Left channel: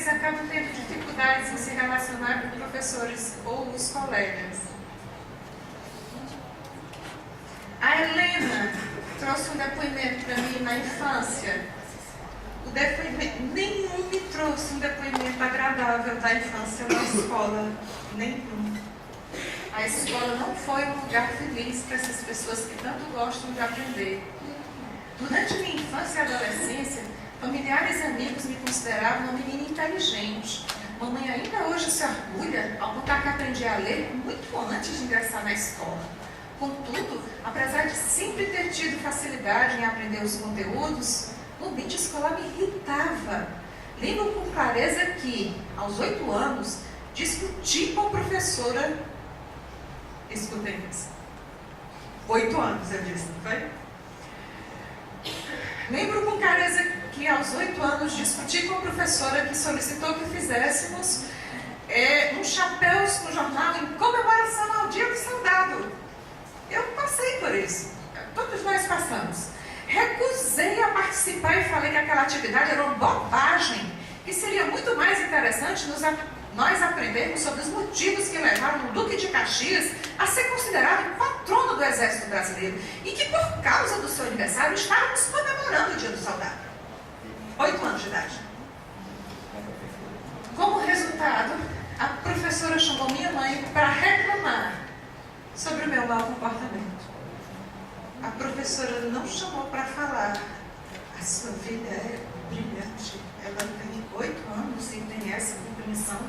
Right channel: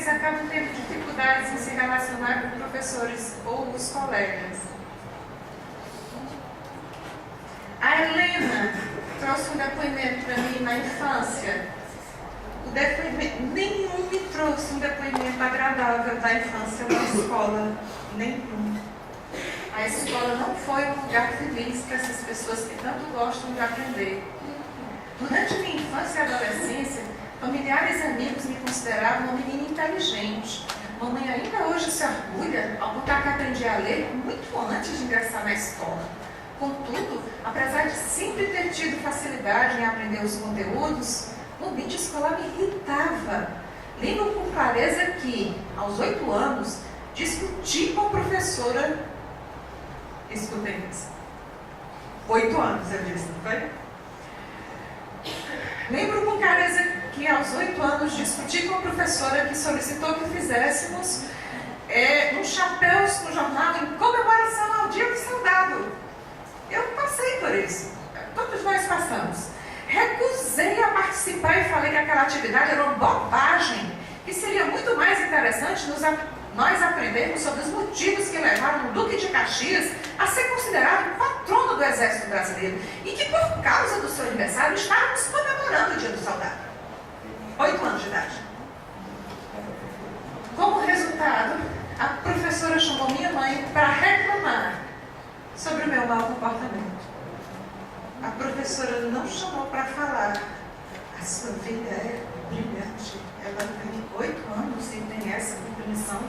eles acabam tendo dificuldades em se relacionar com professores ou os colegas. A Helena trouxe um depoimento para mim na infância. O depoimento, nenhum me trouxe um depoimento agradável da infância na escola. Nenhum. A escola não foi um lugar feliz para essas pessoas que tanto gostam de aprender. Durante minha infância e adolescência, familiares e amigos me consideravam uma menina inteligente. Mamãe ainda hoje se orgulha ao contar que aprendi a ler muito antes de ingressar na escola. Contudo, apesar de sempre ter tido facilidade em aprender os conteúdos, o ambiente escolar me irritava. Lembro com clareza que, aos 8 anos, discuti com a professora. Escutem isso. 8 anos, eu disse, não foi? Lembro com clareza que, aos 8 anos, discuti com a professora que solicitou que fizéssemos um chapéu no jornal em comemoração ao Dia do Soldado. Eu passei por isso. Todos nós passamos. Recusei a participar e falei que aquela atividade era uma bobagem, que seria muito mais interessante nós aprendermos sobre os motivos que levaram o Duque de Caxias a ser considerado o patrono do Exército Brasileiro e que, por causa do seu aniversário, estávamos comemorando o Dia do Soldado. 8 anos de idade. Como resultado, a professora chamou minha mãe para reclamar sobre o meu mau comportamento. A professora não chamou para falar: a sua vida é brilhante, ela tem 8 anos e tem essa compreensão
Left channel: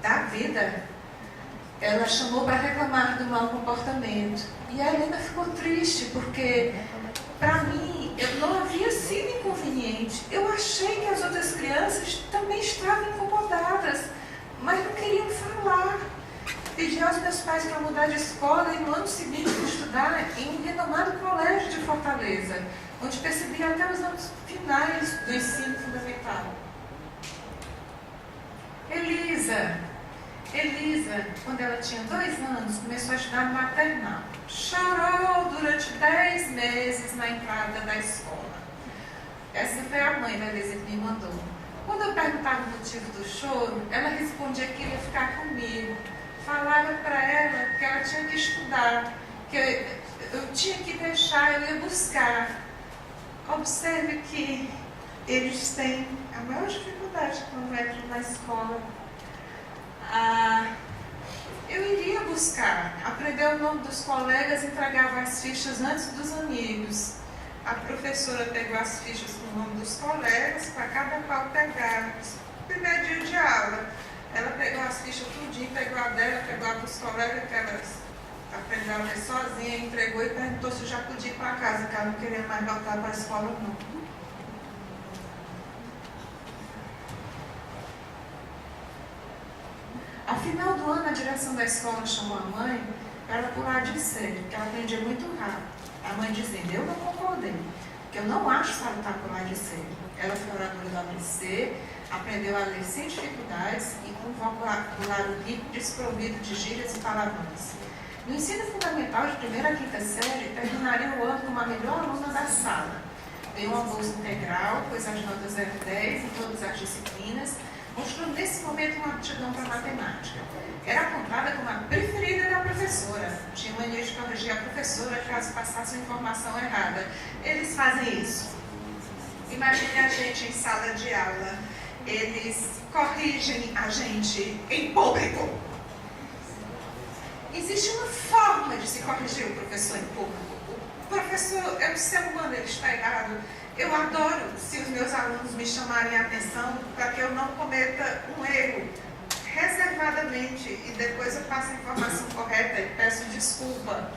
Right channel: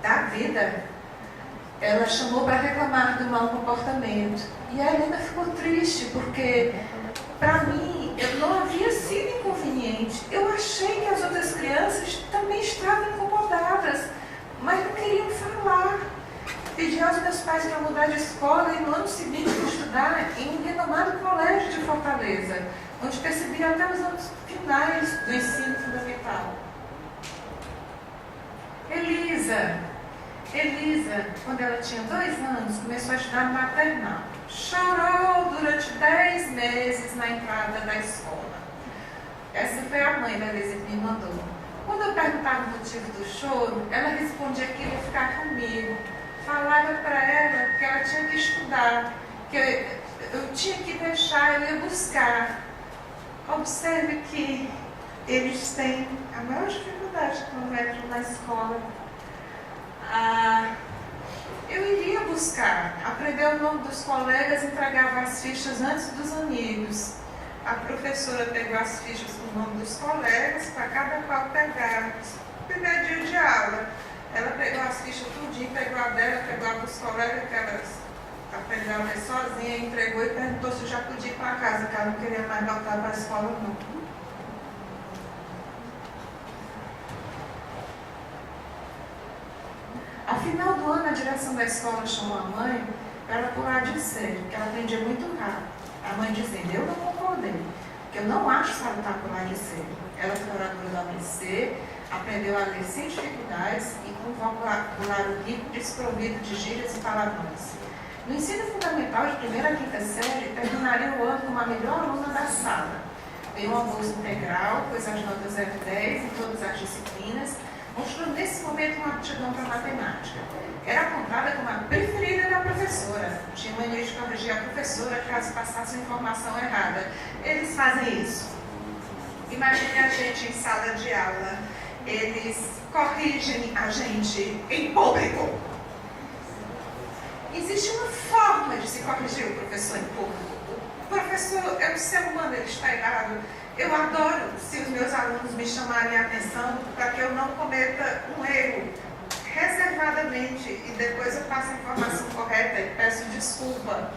da vida. Ela chamou para reclamar do mau comportamento. E a Helena ficou triste, porque para mim eu não havia sido inconveniente. Eu achei que as outras crianças também estavam incomodadas, mas não queriam falar. Pedi aos meus pais para mudar de escola e no ano seguinte estudar em um renomado colégio de Fortaleza, onde percebi até os anos finais do ensino fundamental. Elisa, quando ela tinha 2 anos, começou a estudar no maternal. Chorou durante 10 meses na entrada da escola. Essa foi a mãe da Elisa que me mandou. Quando eu perguntava o motivo do choro, ela respondia que ia ficar comigo. Falava para ela que ela tinha que estudar, que eu tinha que deixar, eu ia buscar. Observe que eles têm a maior dificuldade quando entram na escola. Eu iria buscar, aprender o nome dos colegas, entregava as fichas antes dos amigos. A professora pegou as fichas com o nome dos colegas, para cada qual pegar. Primeiro dia de aula, ela pegou as fichas tudinho, pegou a dela, pegou a dos colegas, que elas aprendeu a ler sozinha, entregou e perguntou se já podia ir para casa, que ela não queria mais voltar para a escola, não. Ao final do ano, a direção da escola chamou a mãe para ela pular de série, porque ela aprendia muito rápido. A mãe dizendo: eu não concordei, porque eu não acho salutar pular de série. Ela foi oradora do ABC, aprendeu a ler sem dificuldades e com um vocabulário rico, desprovido de gírias e palavrões. No ensino fundamental, de 1ª a 5ª série, terminaria o ano como a melhor aluna da sala. Ganhou uma bolsa integral, pois as notas eram 10 em todas as disciplinas, mostrou nesse momento uma aptidão para matemática. Era apontada como a preferida da professora. Tinha mania de corrigir a professora caso passasse uma informação errada. Eles fazem isso. Imagine a gente em sala de aula. Eles corrigem a gente em público. Existe uma forma de se corrigir o professor em público. O professor é um ser humano, ele está errado. Eu adoro se os meus alunos me chamarem a atenção para que eu não cometa um erro reservadamente e depois eu passo a informação correta e peço desculpa.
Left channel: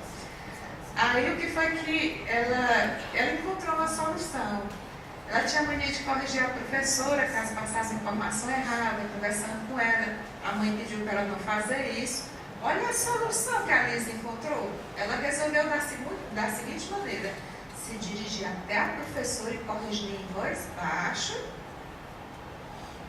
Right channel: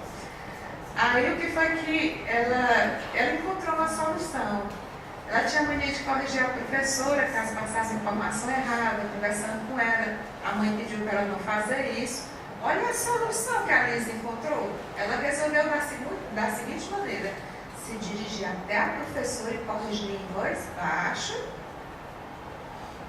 Aí o que foi que ela encontrou uma solução. Ela tinha a mania de corrigir a professora caso passasse informação errada, conversando com ela. A mãe pediu para ela não fazer isso. Olha a solução que a Lisa encontrou. Ela resolveu da seguinte maneira: se dirigir até a professora e corrigir em voz baixa,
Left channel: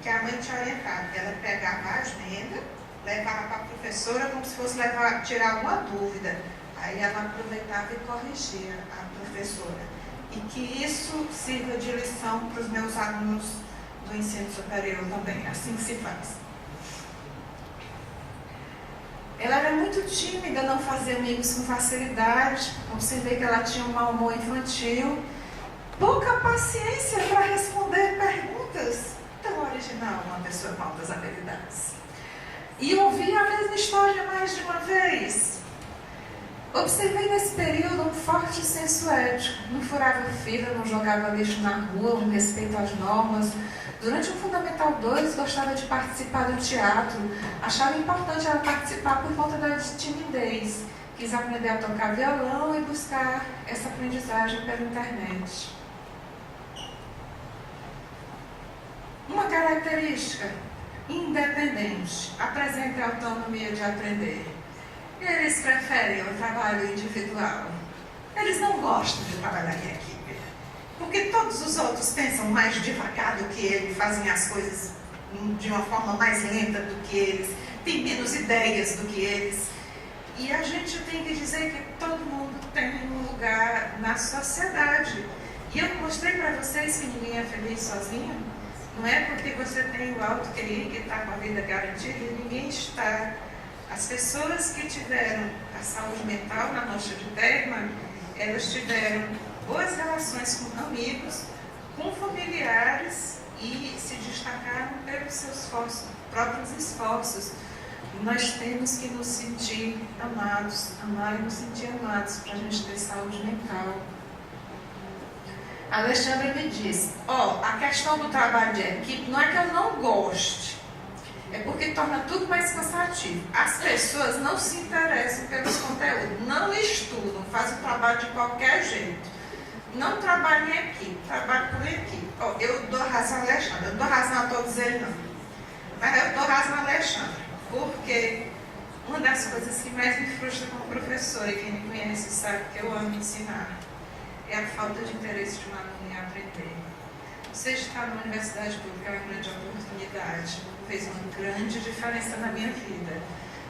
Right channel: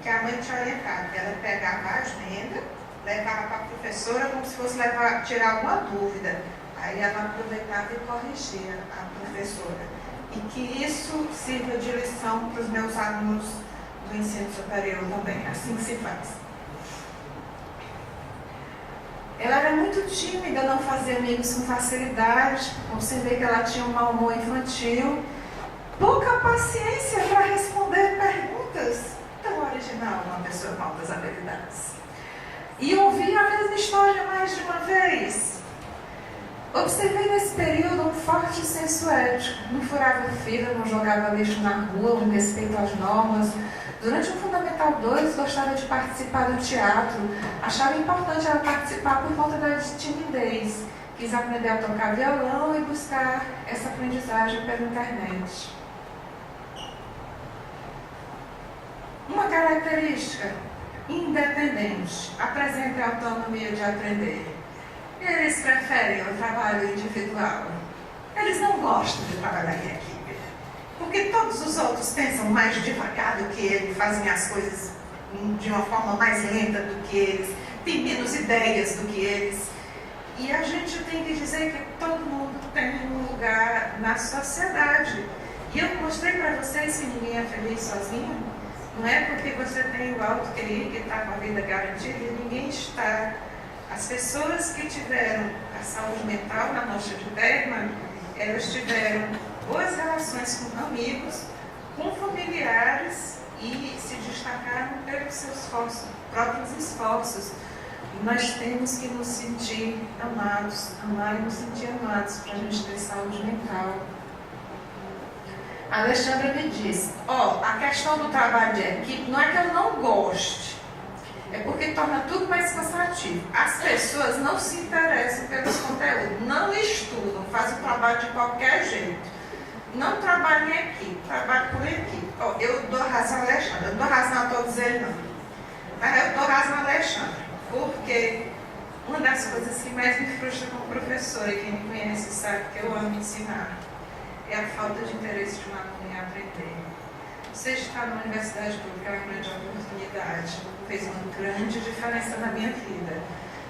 que a mãe tinha orientado. Ela pegava a agenda, levava para a professora como se fosse tirar alguma dúvida. Aí ela aproveitava e corrigia a professora. E que isso sirva de lição para os meus alunos do ensino superior também, assim que se faz. Ela era muito tímida, não fazia amigos com facilidade, observei que ela tinha um mau humor infantil, pouca paciência para responder perguntas. Tão original uma pessoa com altas habilidades. E ouvi a mesma história mais de uma vez. Observei nesse período um forte senso ético. Não furava fila, não jogava lixo na rua, um respeito às normas. Durante o Fundamental 2, gostava de participar do teatro. Achava importante ela participar por conta da timidez. Quis aprender a tocar violão e buscar essa aprendizagem pela internet. Uma característica: independente, apresenta a autonomia de aprender. Eles preferem o trabalho individual. Eles não gostam de trabalhar em equipe, porque todos os outros pensam mais devagar do que eles, fazem as coisas de uma forma mais lenta do que eles, têm menos ideias do que eles. E a gente tem que dizer que todo mundo tem um lugar na sociedade. E eu mostrei para vocês que ninguém é feliz sozinho. Não é porque você tem o alto QI que está com a vida garantida, e ninguém está. As pessoas que tiveram a saúde mental na nossa de Bergman, elas tiveram boas relações com amigos, com familiares e se destacaram pelos seus próprios esforços. Nós temos que nos sentir amados, amar e nos sentir amados para a gente ter saúde mental. A Alexandra me disse, a questão do trabalho de equipe não é que eu não goste, é porque torna tudo mais cansativo. As pessoas não se interessam pelos conteúdos, não estudam, fazem o trabalho de qualquer jeito. Não trabalham em equipe, trabalham por equipe. Eu dou razão a Alexandra, eu não dou razão a todos eles não. Mas eu dou razão a Alexandra, porque uma das coisas que mais me frustra como professora, e quem me conhece sabe que eu amo ensinar, é a falta de interesse de um aluno em aprender. Você estar numa universidade pública é uma grande oportunidade, fez uma grande diferença na minha vida.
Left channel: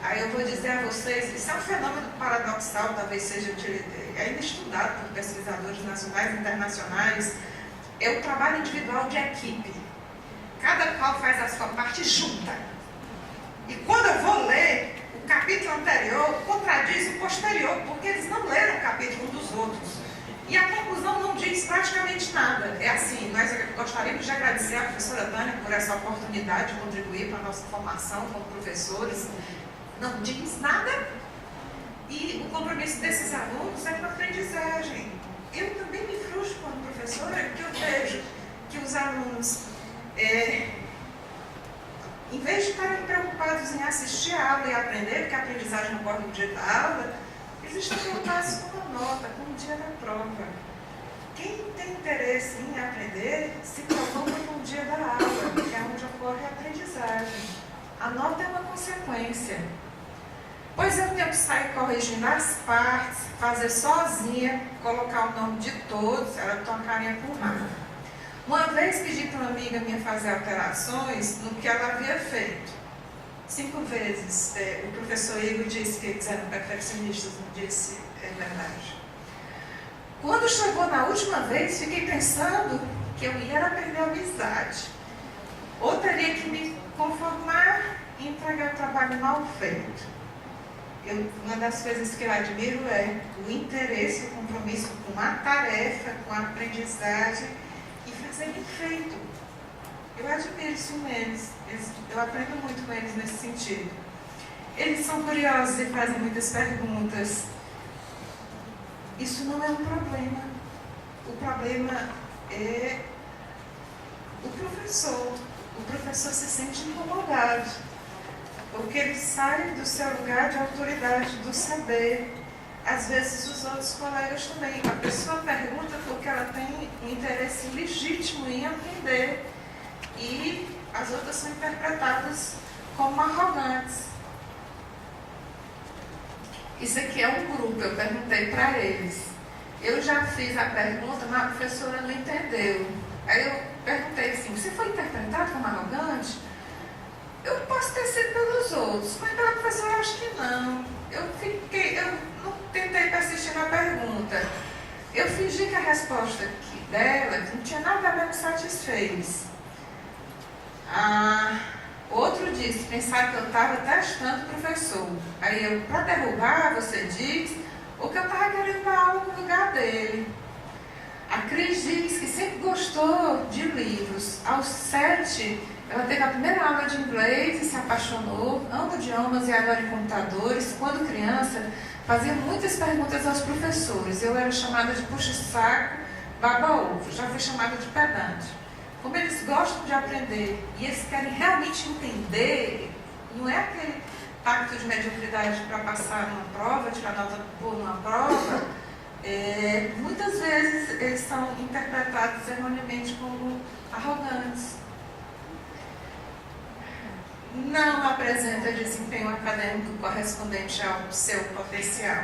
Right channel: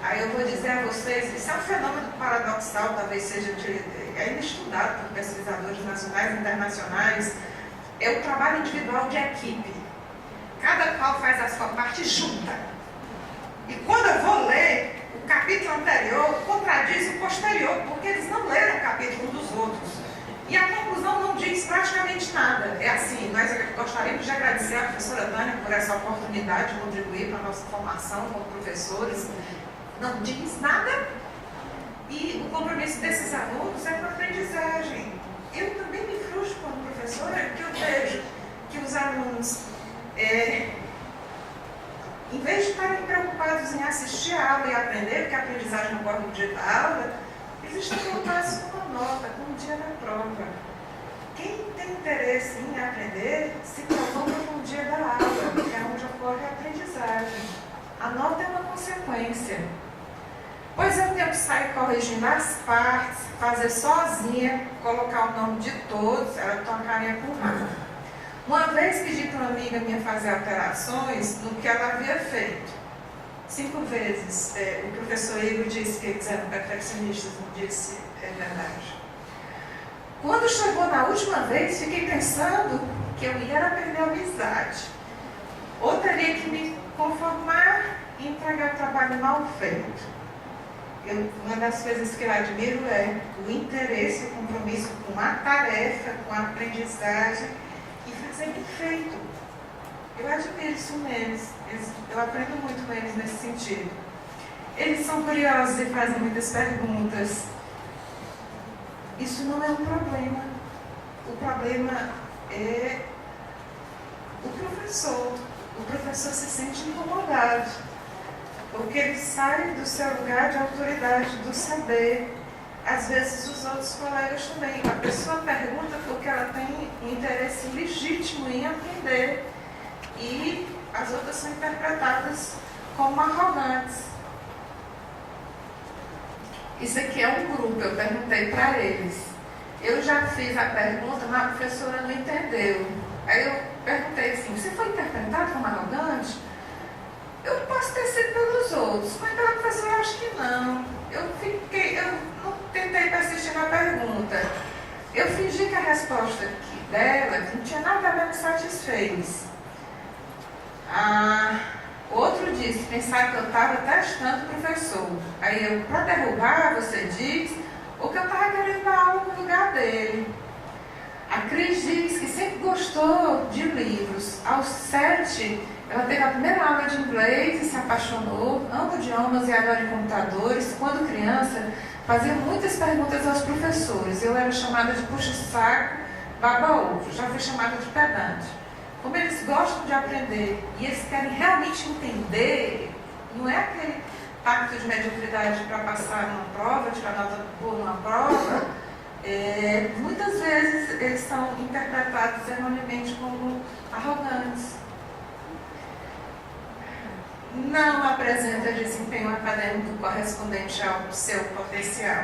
Aí eu vou dizer a vocês, isso é um fenômeno paradoxal, talvez seja ainda estudado por pesquisadores nacionais e internacionais, é o trabalho individual de equipe. Cada qual faz a sua parte junta. E quando eu vou ler, o capítulo anterior contradiz o posterior, porque eles não leram o capítulo um dos outros. E a conclusão não diz praticamente nada. É assim, nós gostaríamos de agradecer à professora Tânia por essa oportunidade de contribuir para a nossa formação como professores. Não diz nada. E o compromisso desses alunos é com a aprendizagem. Eu também me frustro como professora, que eu vejo que os alunos, em vez de estarem preocupados em assistir a aula e aprender, porque a aprendizagem não corre no dia da aula, eles estão preocupados com a nota, com o dia da prova. Quem tem interesse em aprender, se preocupa com o dia da aula, que é onde ocorre a aprendizagem. A nota é uma consequência. Pois eu tenho que sair corrigindo as partes, fazer sozinha, colocar o nome de todos, ela toma carinha por nada. Uma vez pedi para uma amiga minha fazer alterações no que ela havia feito. 5 vezes. O professor Igor disse que eles eram perfeccionistas, não disse, é verdade. Quando chegou na última vez, fiquei pensando que eu ia perder a amizade. Ou teria que me conformar e entregar o trabalho mal feito. Uma das coisas que eu admiro é o interesse, o compromisso com a tarefa, com a aprendizagem e fazer bem feito. Eu admiro isso neles. Eu aprendo muito com eles nesse sentido. Eles são curiosos e fazem muitas perguntas. Isso não é um problema. O problema é o professor. O professor se sente incomodado, porque ele sai do seu lugar de autoridade, do saber. Às vezes os outros colegas também. A pessoa pergunta porque ela tem um interesse legítimo em aprender. E as outras são interpretadas como arrogantes. Isso aqui é um grupo, eu perguntei para eles. Eu já fiz a pergunta, mas a professora não entendeu. Aí eu perguntei assim, você foi interpretado como arrogante? Eu posso ter sido pelos outros, mas pela professora acho que não. Eu não tentei persistir na pergunta. Eu fingi que a resposta dela não tinha nada a ver, me satisfez. Outro disse, pensar que eu estava testando o professor. Aí eu, para derrubar, você diz, ou que eu estava querendo dar aula no lugar dele. A Cris diz que sempre gostou de livros. Aos 7, ela teve a primeira aula de inglês e se apaixonou, ama idiomas e agora em computadores. Quando criança, fazia muitas perguntas aos professores. Eu era chamada de puxa-saco, baba-ovo. Já fui chamada de pedante. Como eles gostam de aprender e eles querem realmente entender, não é aquele pacto de mediocridade para passar numa prova, tirar nota boa numa prova, muitas vezes eles são interpretados erroneamente como arrogantes. Não apresenta desempenho acadêmico correspondente ao seu potencial.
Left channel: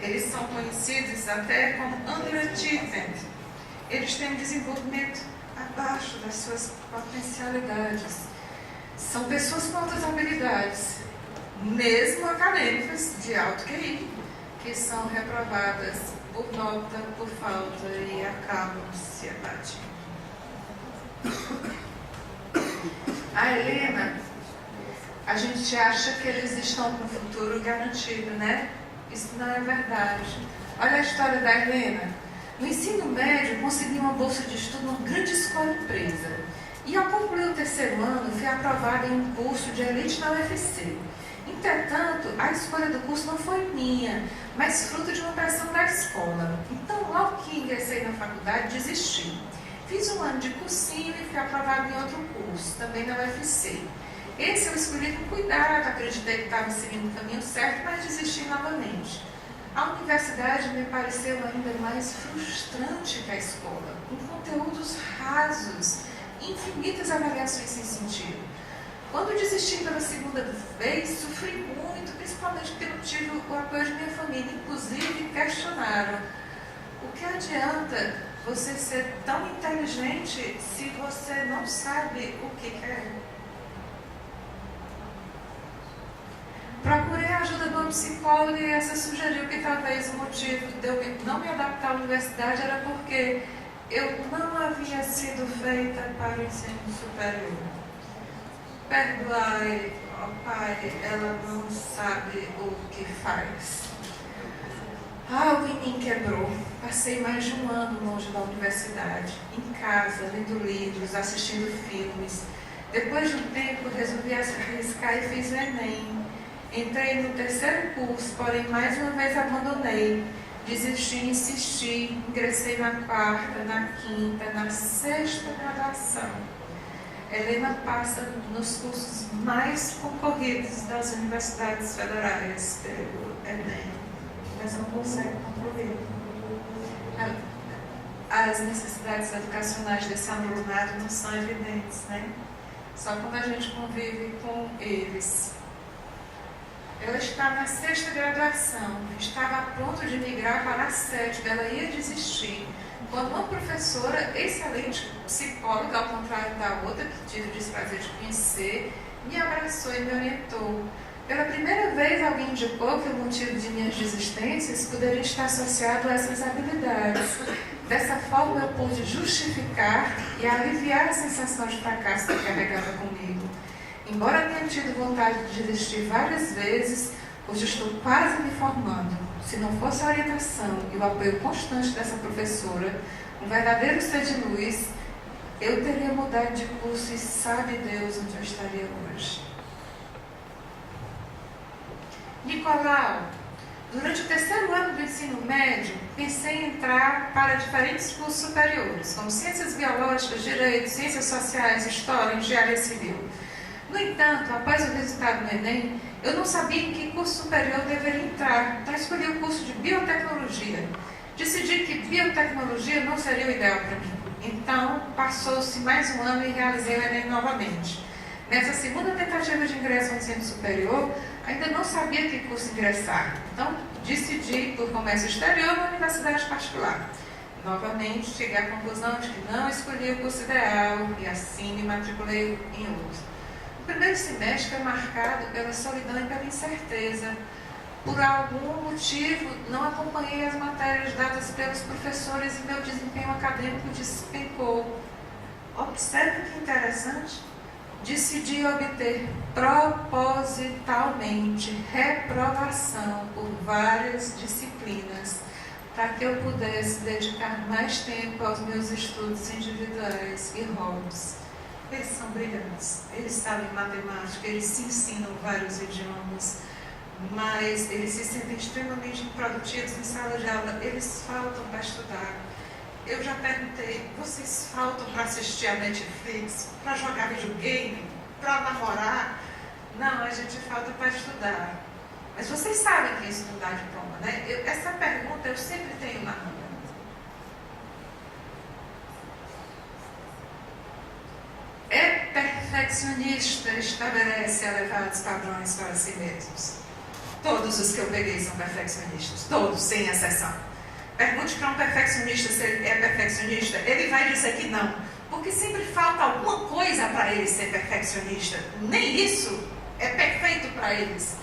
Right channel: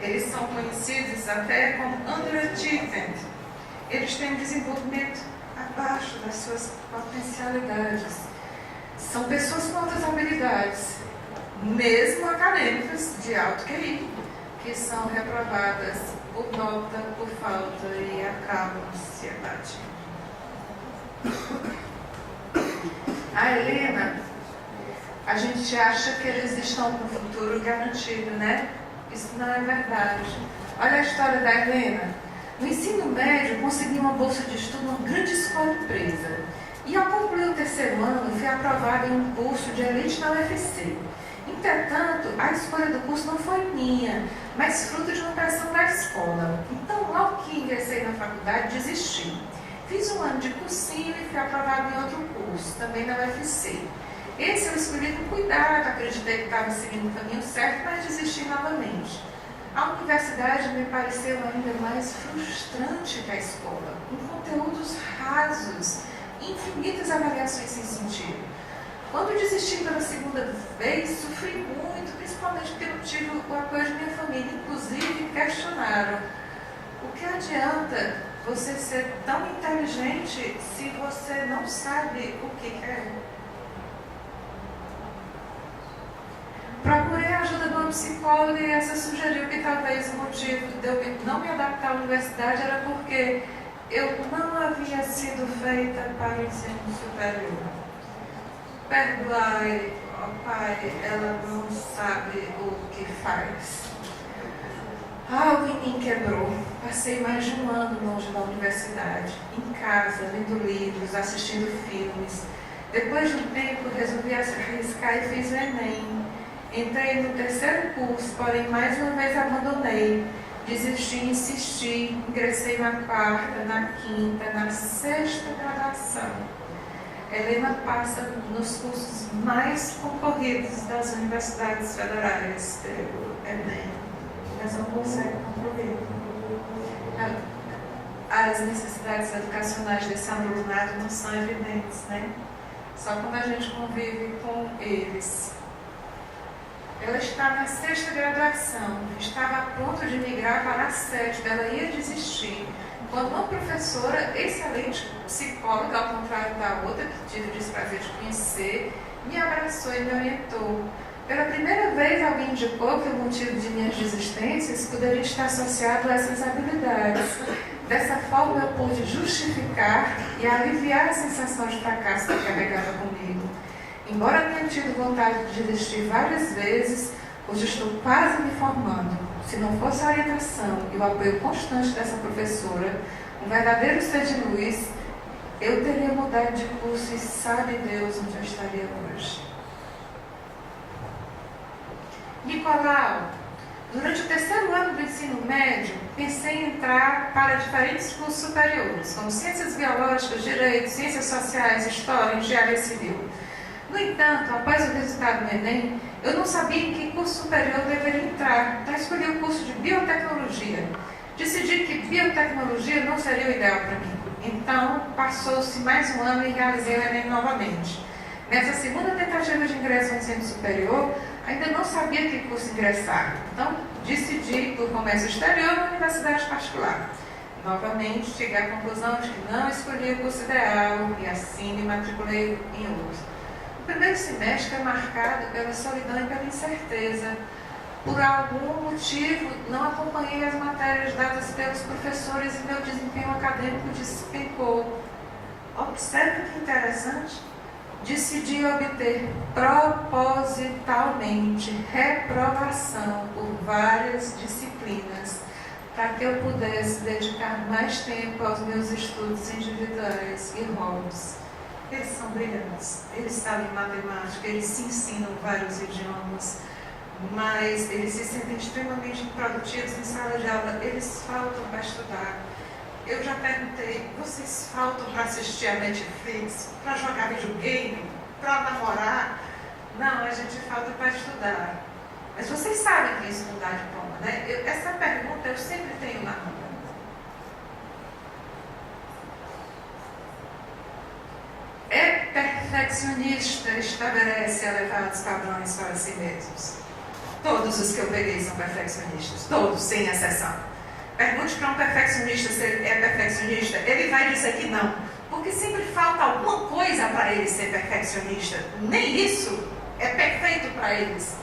Eles são conhecidos até como underachievement. Eles têm um desenvolvimento abaixo das suas potencialidades. São pessoas com altas habilidades, mesmo acadêmicas de alto QI, que são reprovadas por nota, por falta e acabam ansiedade. A Helena, a gente acha que eles estão com o futuro garantido, né? Isso não é verdade. Olha a história da Helena. No ensino médio, consegui uma bolsa de estudo numa grande escola empresa. E ao concluir o terceiro ano, fui aprovada em um curso de elite na UFC. Entretanto, a escolha do curso não foi minha, mas fruto de uma pressão da escola. Então, logo que ingressei na faculdade, desisti. Fiz um ano de cursinho e fui aprovada em outro curso, também na UFC. Esse eu escolhi com cuidado, acreditei que estava seguindo o caminho certo, mas desisti novamente. A universidade me pareceu ainda mais frustrante que a escola, com conteúdos rasos, infinitas avaliações sem sentido. Quando desisti pela segunda vez, sofri muito, principalmente porque não tive o apoio de minha família. Inclusive, questionaram: o que adianta você ser tão inteligente se você não sabe o que quer? Procurei a ajuda de uma psicóloga e essa sugeriu que talvez o motivo de eu não me adaptar à universidade era porque eu não havia sido feita para o ensino superior. Perdoai, ó Pai, ela não sabe o que faz. Algo em mim quebrou. Passei mais de um ano longe da universidade, em casa, lendo livros, assistindo filmes. Depois de um tempo, resolvi arriscar e fiz o Enem. Entrei no terceiro curso, porém mais uma vez abandonei. Desisti e insisti, ingressei na quarta, na quinta, na sexta graduação. Helena passa nos cursos mais concorridos das universidades federais pelo Enem, mas não consegue concluir. As necessidades educacionais desse alunado não são evidentes, né? Só quando a gente convive com eles. Ela está na sexta graduação, estava a ponto de migrar para a sétima, ela ia desistir. Quando uma professora, excelente psicóloga, ao contrário da outra, que tive o desprazer de conhecer, me abraçou e me orientou. Pela primeira vez, alguém indicou que o motivo de minhas desistências poderia estar associado a essas habilidades. Dessa forma, eu pude justificar e aliviar a sensação de fracasso que carregava comigo. Embora tenha tido vontade de desistir várias vezes, hoje estou quase me formando. Se não fosse a orientação e o apoio constante dessa professora, um verdadeiro ser de luz, eu teria mudado de curso e sabe Deus onde eu estaria hoje. Nicolau, durante o terceiro ano do ensino médio, pensei em entrar para diferentes cursos superiores, como Ciências Biológicas, Direito, Ciências Sociais, História, Engenharia Civil. No entanto, após o resultado do Enem, eu não sabia em que curso superior eu deveria entrar, então escolhi o curso de Biotecnologia. Decidi que Biotecnologia não seria o ideal para mim. Então, passou-se mais um ano e realizei o Enem novamente. Nessa segunda tentativa de ingresso ao ensino superior, ainda não sabia que curso ingressar. Então, decidi por comércio exterior na universidade particular. Novamente, cheguei à conclusão de que não escolhi o curso ideal e assim me matriculei em outro. O primeiro semestre é marcado pela solidão e pela incerteza. Por algum motivo, não acompanhei as matérias dadas pelos professores e meu desempenho acadêmico despencou. Observe que interessante. decidi obter propositalmente reprovação por várias disciplinas, para que eu pudesse dedicar mais tempo aos meus estudos individuais e hobbies. Eles são brilhantes, eles sabem matemática, eles se ensinam vários idiomas, mas eles se sentem extremamente improdutivos em sala de aula, eles faltam para estudar. Eu já perguntei, vocês faltam para assistir a Netflix, para jogar videogame, para namorar? Não, a gente falta para estudar. Mas vocês sabem que isso não dá diploma, né? Essa pergunta eu sempre tenho na mão. É perfeccionista, estabelece elevados padrões para si mesmos. Todos os que eu peguei são perfeccionistas, todos, sem exceção. Pergunte para um perfeccionista se ele é perfeccionista, ele vai dizer que não, porque sempre falta alguma coisa para ele ser perfeccionista. Nem isso é perfeito para eles.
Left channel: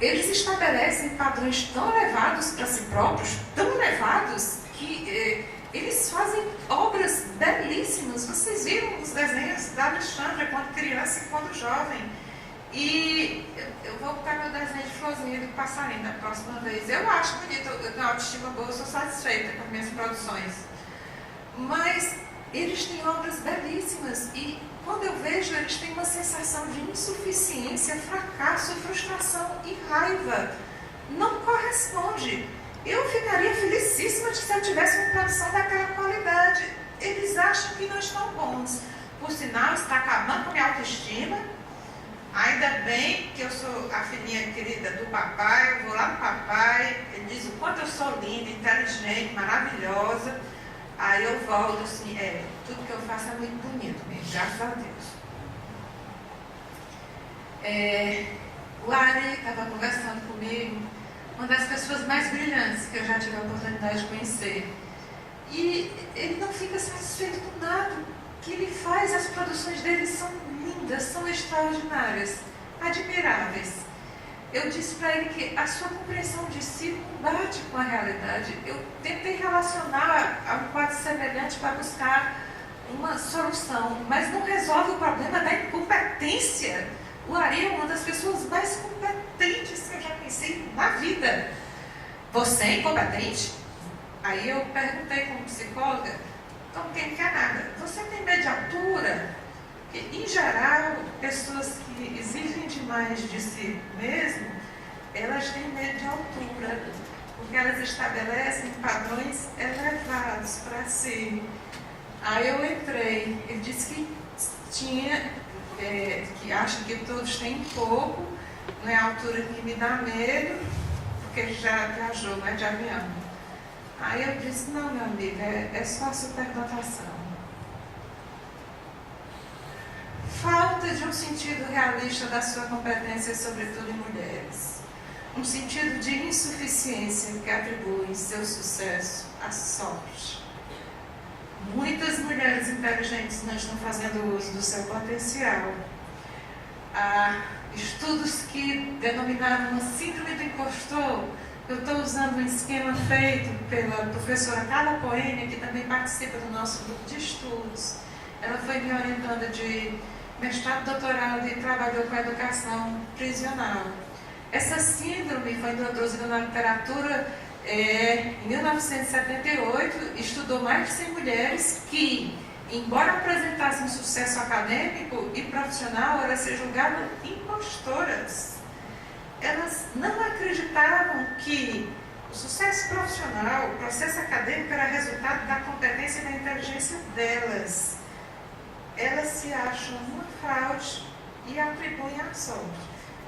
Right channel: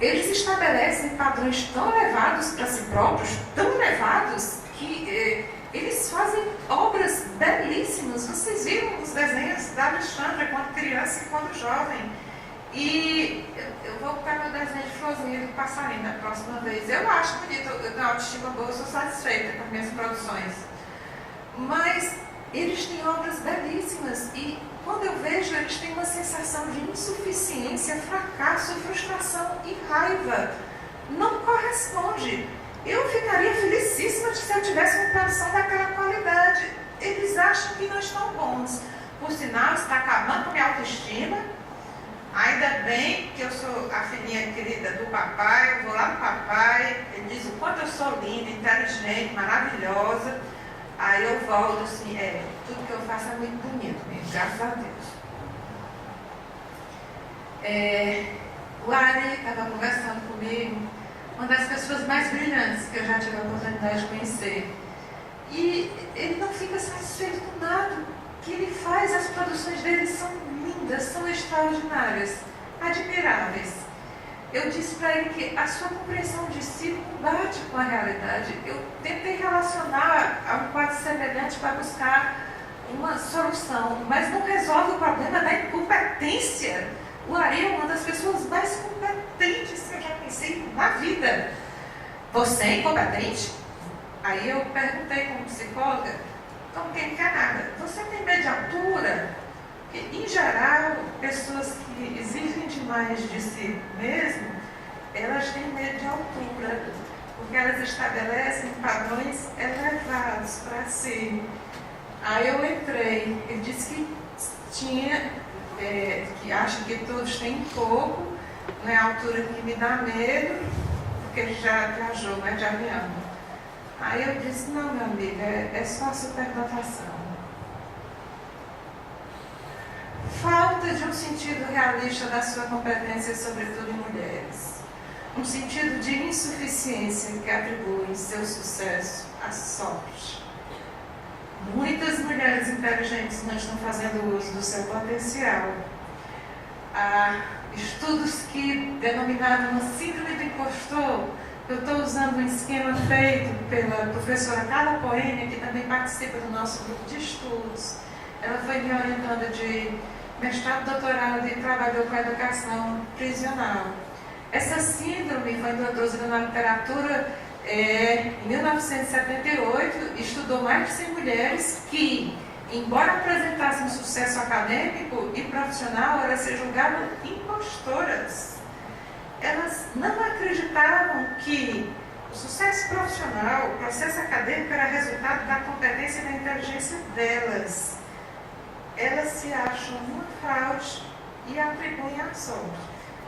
Eles estabelecem padrões tão elevados para si próprios, tão elevados, que eles fazem obras belíssimas. Vocês viram os desenhos da Alexandra quando criança e quando jovem. E eu vou botar meu desenho de florzinha do passarinho da próxima vez. Eu acho bonito, eu tenho autoestima boa, eu sou satisfeita com as minhas produções. Mas eles têm obras belíssimas e quando eu vejo, eles têm uma sensação de insuficiência, fracasso, frustração e raiva. Não corresponde. Eu ficaria felicíssima se eu tivesse uma produção daquela qualidade. Eles acham que não estão bons. Por sinal, está acabando com minha autoestima. Ainda bem que eu sou a filhinha querida do papai, eu vou lá no papai, ele diz o quanto eu sou linda, inteligente, maravilhosa. Aí eu volto assim, tudo que eu faço é muito bonito mesmo, graças a Deus. O Ari estava conversando comigo, uma das pessoas mais brilhantes que eu já tive a oportunidade de conhecer. E ele não fica satisfeito com nada que ele faz, as produções dele são lindas, são extraordinárias, admiráveis. Eu disse para ele que a sua compreensão de si não bate com a realidade. Eu tentei relacionar a um quadro semelhante para buscar uma solução, mas não resolve o problema da incompetência. O Ari é uma das pessoas mais competentes que eu já conheci na vida. Você é incompetente? Aí eu perguntei como psicóloga, então quem quer nada, você tem medo de altura? Em geral, pessoas que exigem demais de si mesmo, elas têm medo de altura, porque elas estabelecem padrões elevados para si. Aí eu entrei, ele disse que tinha, que acha que todos têm pouco, não é a altura que me dá medo, porque ele já viajou, não é de avião. Aí eu disse, não, meu amigo, é só a superdotação. Falta de um sentido realista da sua competência, sobretudo em mulheres. Um sentido de insuficiência que atribui seu sucesso à sorte. Muitas mulheres inteligentes não estão fazendo uso do seu potencial. Há estudos que denominaram uma síndrome do impostor. Eu estou usando um esquema feito pela professora Carla Poene, que também participa do nosso grupo de estudos. Ela foi me orientando de mestrado, doutorado e trabalhou com a educação prisional. Essa síndrome foi introduzida na literatura em 1978, estudou mais de 100 mulheres que, embora apresentassem sucesso acadêmico e profissional, elas se julgavam impostoras. Elas não acreditavam que o sucesso profissional, o processo acadêmico era resultado da competência e da inteligência delas. Elas se acham uma fraude e atribuem a sorte.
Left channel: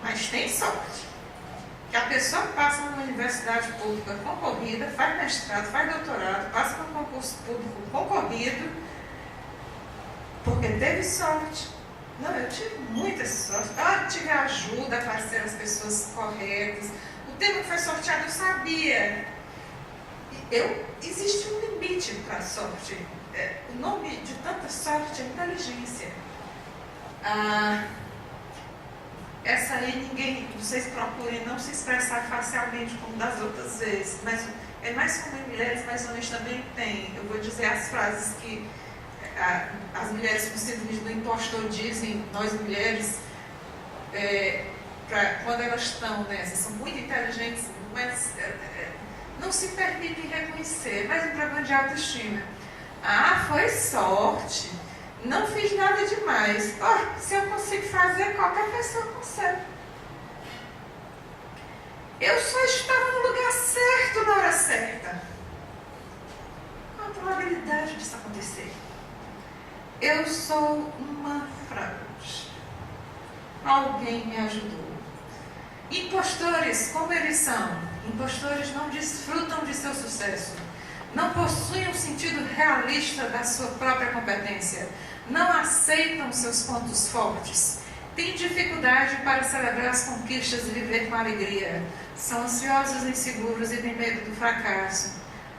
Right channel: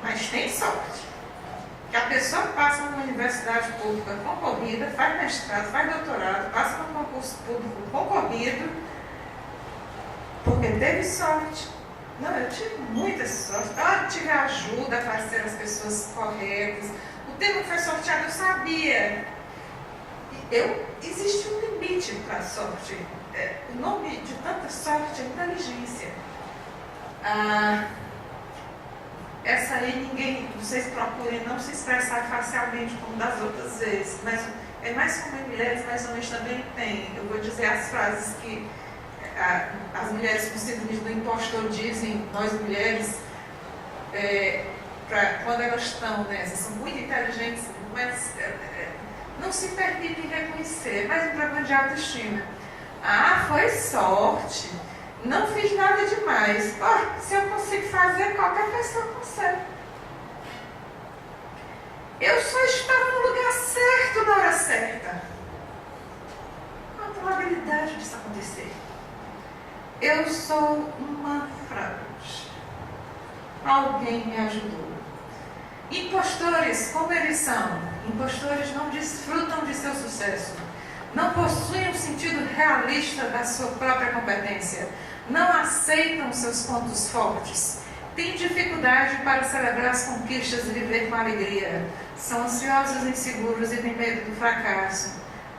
Mas tem sorte. Que a pessoa passa numa universidade pública concorrida, faz mestrado, faz doutorado, passa num concurso público concorrido, porque teve sorte. Não, eu tive muita sorte. Eu tive ajuda para ser as pessoas corretas. O tema que foi sorteado eu sabia. Existe um limite para a sorte. O nome de tanta sorte é inteligência. Essa aí ninguém, vocês procurem não se expressar facialmente como das outras vezes, mas é mais comum em mulheres, mas homens também tem. Eu vou dizer as frases que as mulheres com síndrome do impostor dizem, nós mulheres, quando elas estão nessa, são muito inteligentes, mas não se permitem reconhecer, mas um problema de autoestima. Foi sorte, não fiz nada demais. Se eu consigo fazer, qualquer pessoa consegue. Eu só estava no lugar certo na hora certa. Qual a probabilidade disso acontecer? Eu sou uma fraude. Alguém me ajudou. Impostores, como eles são? Impostores não desfrutam de seu sucesso. Não possuem um sentido realista da sua própria competência. Não aceitam seus pontos fortes. Têm dificuldade para celebrar as conquistas e viver com alegria. São ansiosos, inseguros e têm medo do fracasso.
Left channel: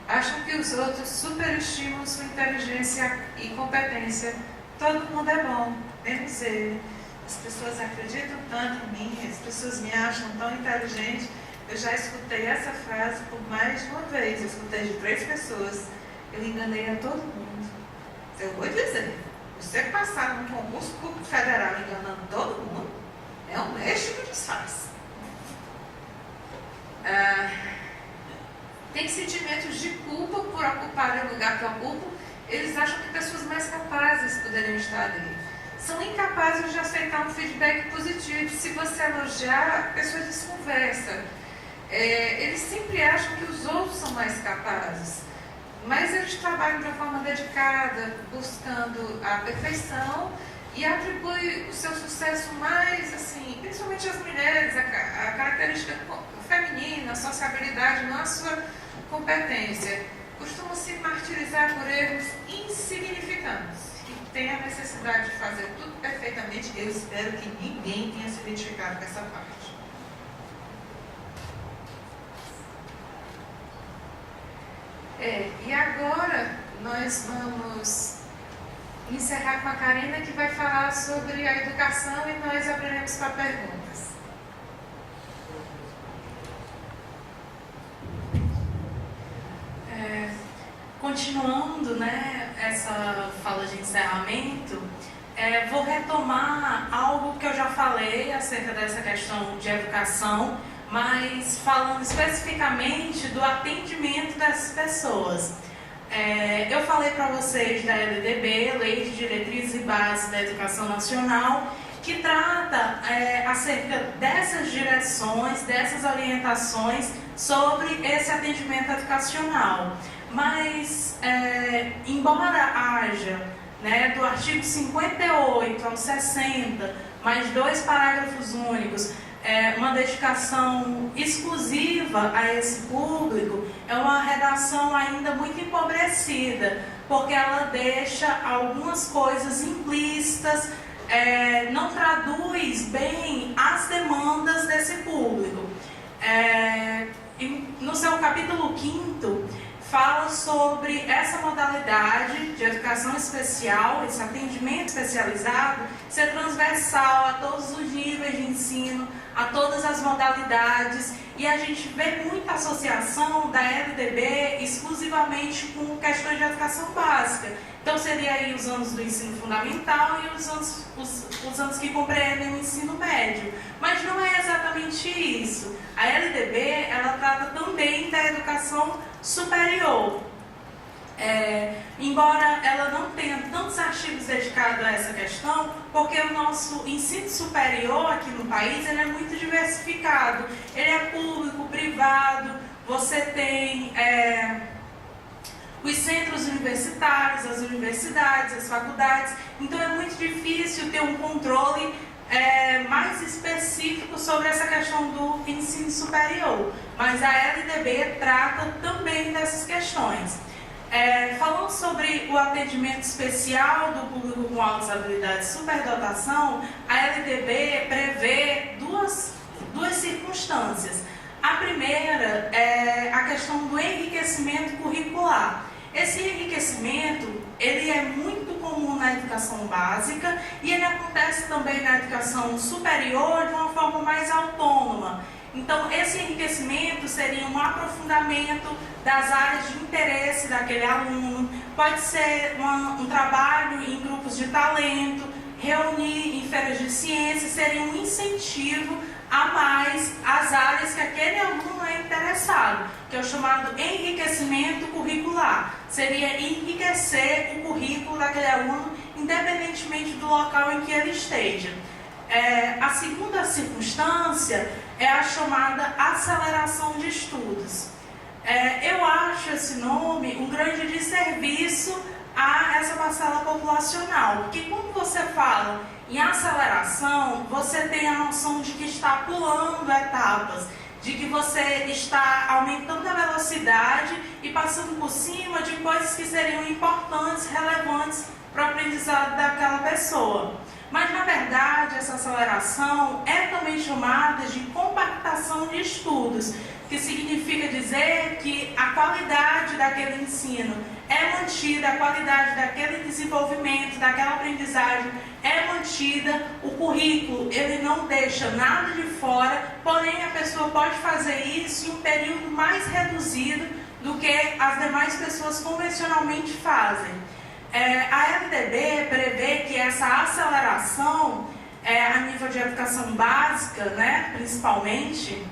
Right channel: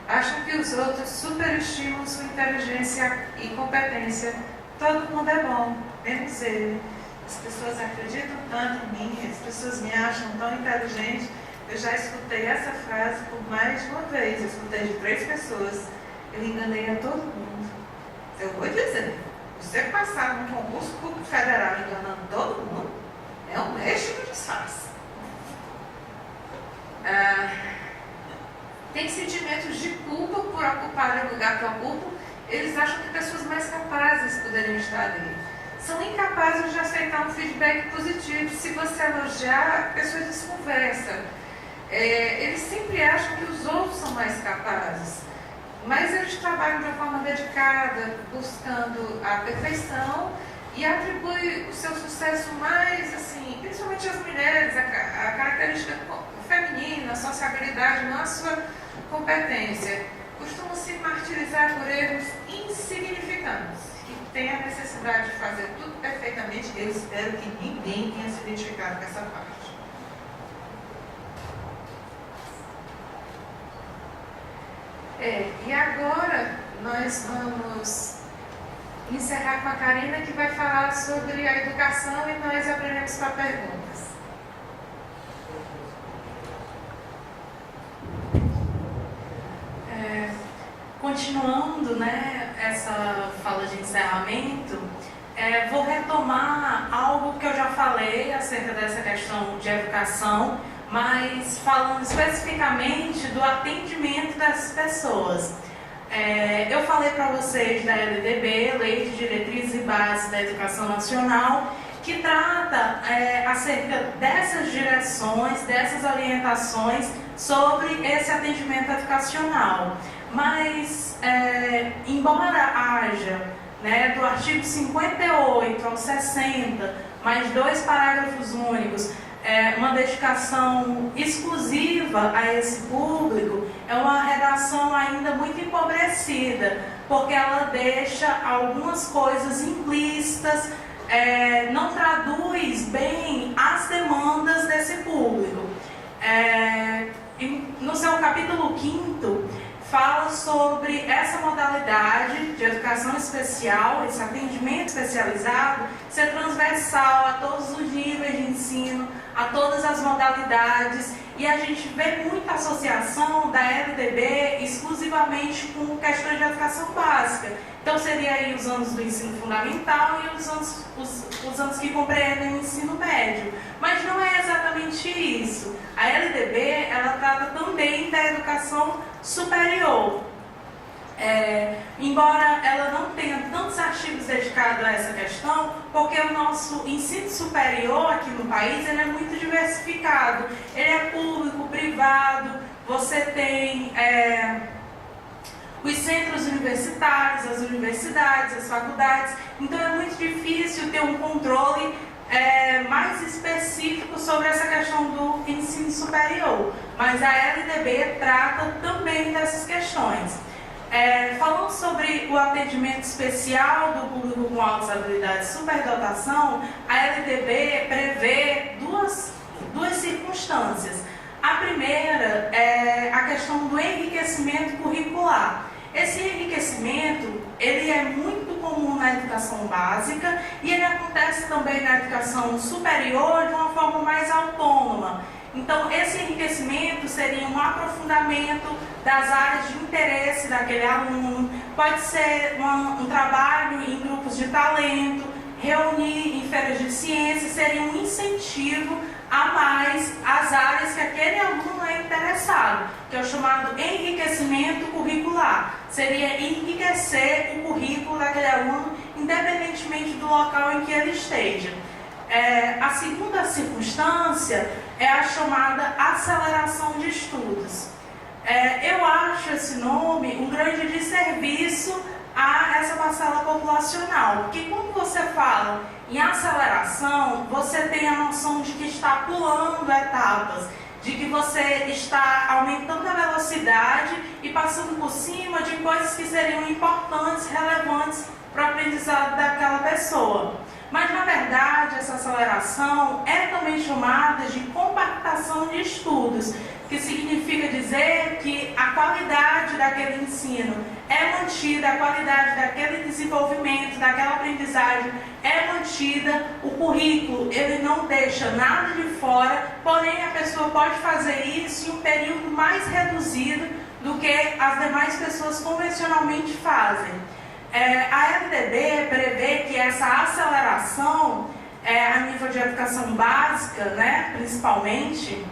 Acham que os outros superestimam sua inteligência e competência. Todo mundo é bom, menos ele. As pessoas acreditam tanto em mim, as pessoas me acham tão inteligente. Eu já escutei essa frase por mais de uma vez. Eu escutei de 3 pessoas. Eu enganei a todo mundo. Eu vou dizer, você passar num concurso público federal enganando todo mundo, é um mestre de disfarce. Tem sentimentos de culpa por ocuparem o lugar que ocupam. Eles acham que pessoas mais capazes poderiam estar ali. São incapazes de aceitar um feedback positivo. Se você elogiar, a pessoa desconversa. Eles sempre acham que os outros são mais capazes. Mas eles trabalham de uma forma dedicada, buscando a perfeição e atribuem o seu sucesso mais, assim, principalmente às mulheres, a característica feminina, a sociabilidade, não a sua competência. Costumam se martirizar por erros insignificantes. Tem a necessidade de fazer tudo perfeitamente. Eu espero que ninguém tenha se identificado com essa parte. E agora nós vamos encerrar com a Karina, que vai falar sobre a educação, e nós abriremos para perguntas. Continuando, essa fala de encerramento, vou retomar algo que eu já falei acerca dessa questão de educação, mas falando especificamente do atendimento dessas pessoas. Eu falei para vocês da LDB, Lei de Diretrizes e Bases da Educação Nacional, que trata acerca dessas direções, dessas orientações sobre esse atendimento educacional. Mas, embora haja, do artigo 58 ao 60, mais 2 parágrafos únicos, uma dedicação exclusiva a esse público, é uma redação ainda muito empobrecida, porque ela deixa algumas coisas implícitas, não traduz bem as demandas desse público. No seu capítulo 5º, fala sobre essa modalidade de educação especial, esse atendimento especializado, ser transversal a todos os níveis de ensino, a todas as modalidades, e a gente vê muita associação da LDB exclusivamente com questões de educação básica. Então seria aí os anos do ensino fundamental e os anos que compreendem o ensino médio. Mas não é exatamente isso. A LDB, ela trata também da educação superior. Embora ela não tenha tantos artigos dedicados a essa questão, porque o nosso ensino superior aqui no país, ele é muito diversificado. Ele é público, privado, você tem os centros universitários, as universidades, as faculdades. Então é muito difícil ter um controle mais específico sobre essa questão do ensino superior. Mas a LDB trata também dessas questões. Falando sobre o atendimento especial do público com altas habilidades e superdotação, a LDB prevê duas circunstâncias. A primeira é a questão do enriquecimento curricular. Esse enriquecimento, ele é muito comum na educação básica e ele acontece também na educação superior de uma forma mais autônoma. Então, esse enriquecimento seria um aprofundamento das áreas de interesse daquele aluno, pode ser um trabalho em grupos de talento, reunir em feiras de ciência, seria um incentivo a mais às áreas que aquele aluno é interessado, que é o chamado enriquecimento curricular. Seria enriquecer o currículo daquele aluno, independentemente do local em que ele esteja. A segunda circunstância é a chamada aceleração de estudos. Eu acho esse nome um grande desserviço a essa parcela populacional, porque quando você fala em aceleração, você tem a noção de que está pulando etapas, de que você está aumentando a velocidade e passando por cima de coisas que seriam importantes, relevantes para o aprendizado daquela pessoa. Mas, na verdade, essa aceleração é também chamada de compactação de estudos, que significa dizer que a qualidade daquele ensino é mantida, a qualidade daquele desenvolvimento, daquela aprendizagem é mantida, o currículo ele não deixa nada de fora, porém a pessoa pode fazer isso em um período mais reduzido do que as demais pessoas convencionalmente fazem. A LDB prevê que essa aceleração, a nível de educação básica, né, principalmente,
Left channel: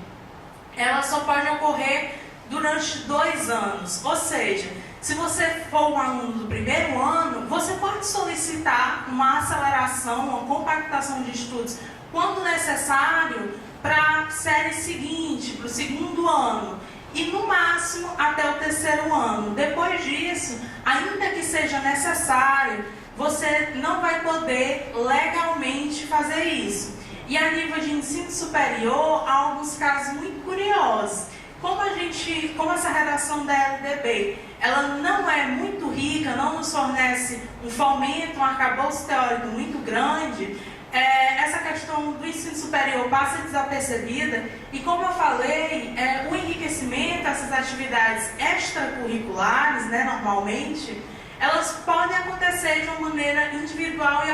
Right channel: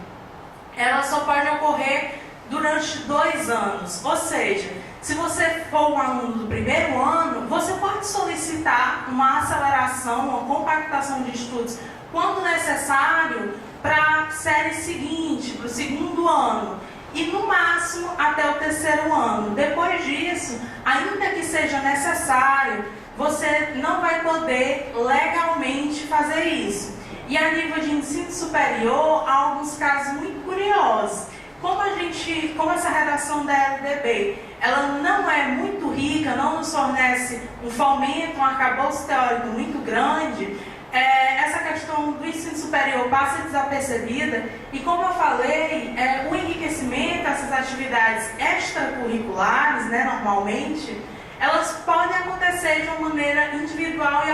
ela só pode ocorrer durante 2 anos. Ou seja, se você for um aluno do primeiro ano, você pode solicitar uma aceleração, uma compactação de estudos, quando necessário, para a série seguinte, para o segundo ano. E no máximo até o 3º ano. Depois disso, ainda que seja necessário, você não vai poder legalmente fazer isso. E a nível de ensino superior, há alguns casos muito curiosos. Como essa redação da LDB, ela não é muito rica, não nos fornece um fomento, um arcabouço teórico muito grande, essa questão do ensino superior passa desapercebida e, como eu falei, o enriquecimento, essas atividades extracurriculares, né, normalmente, elas podem acontecer de uma maneira individual e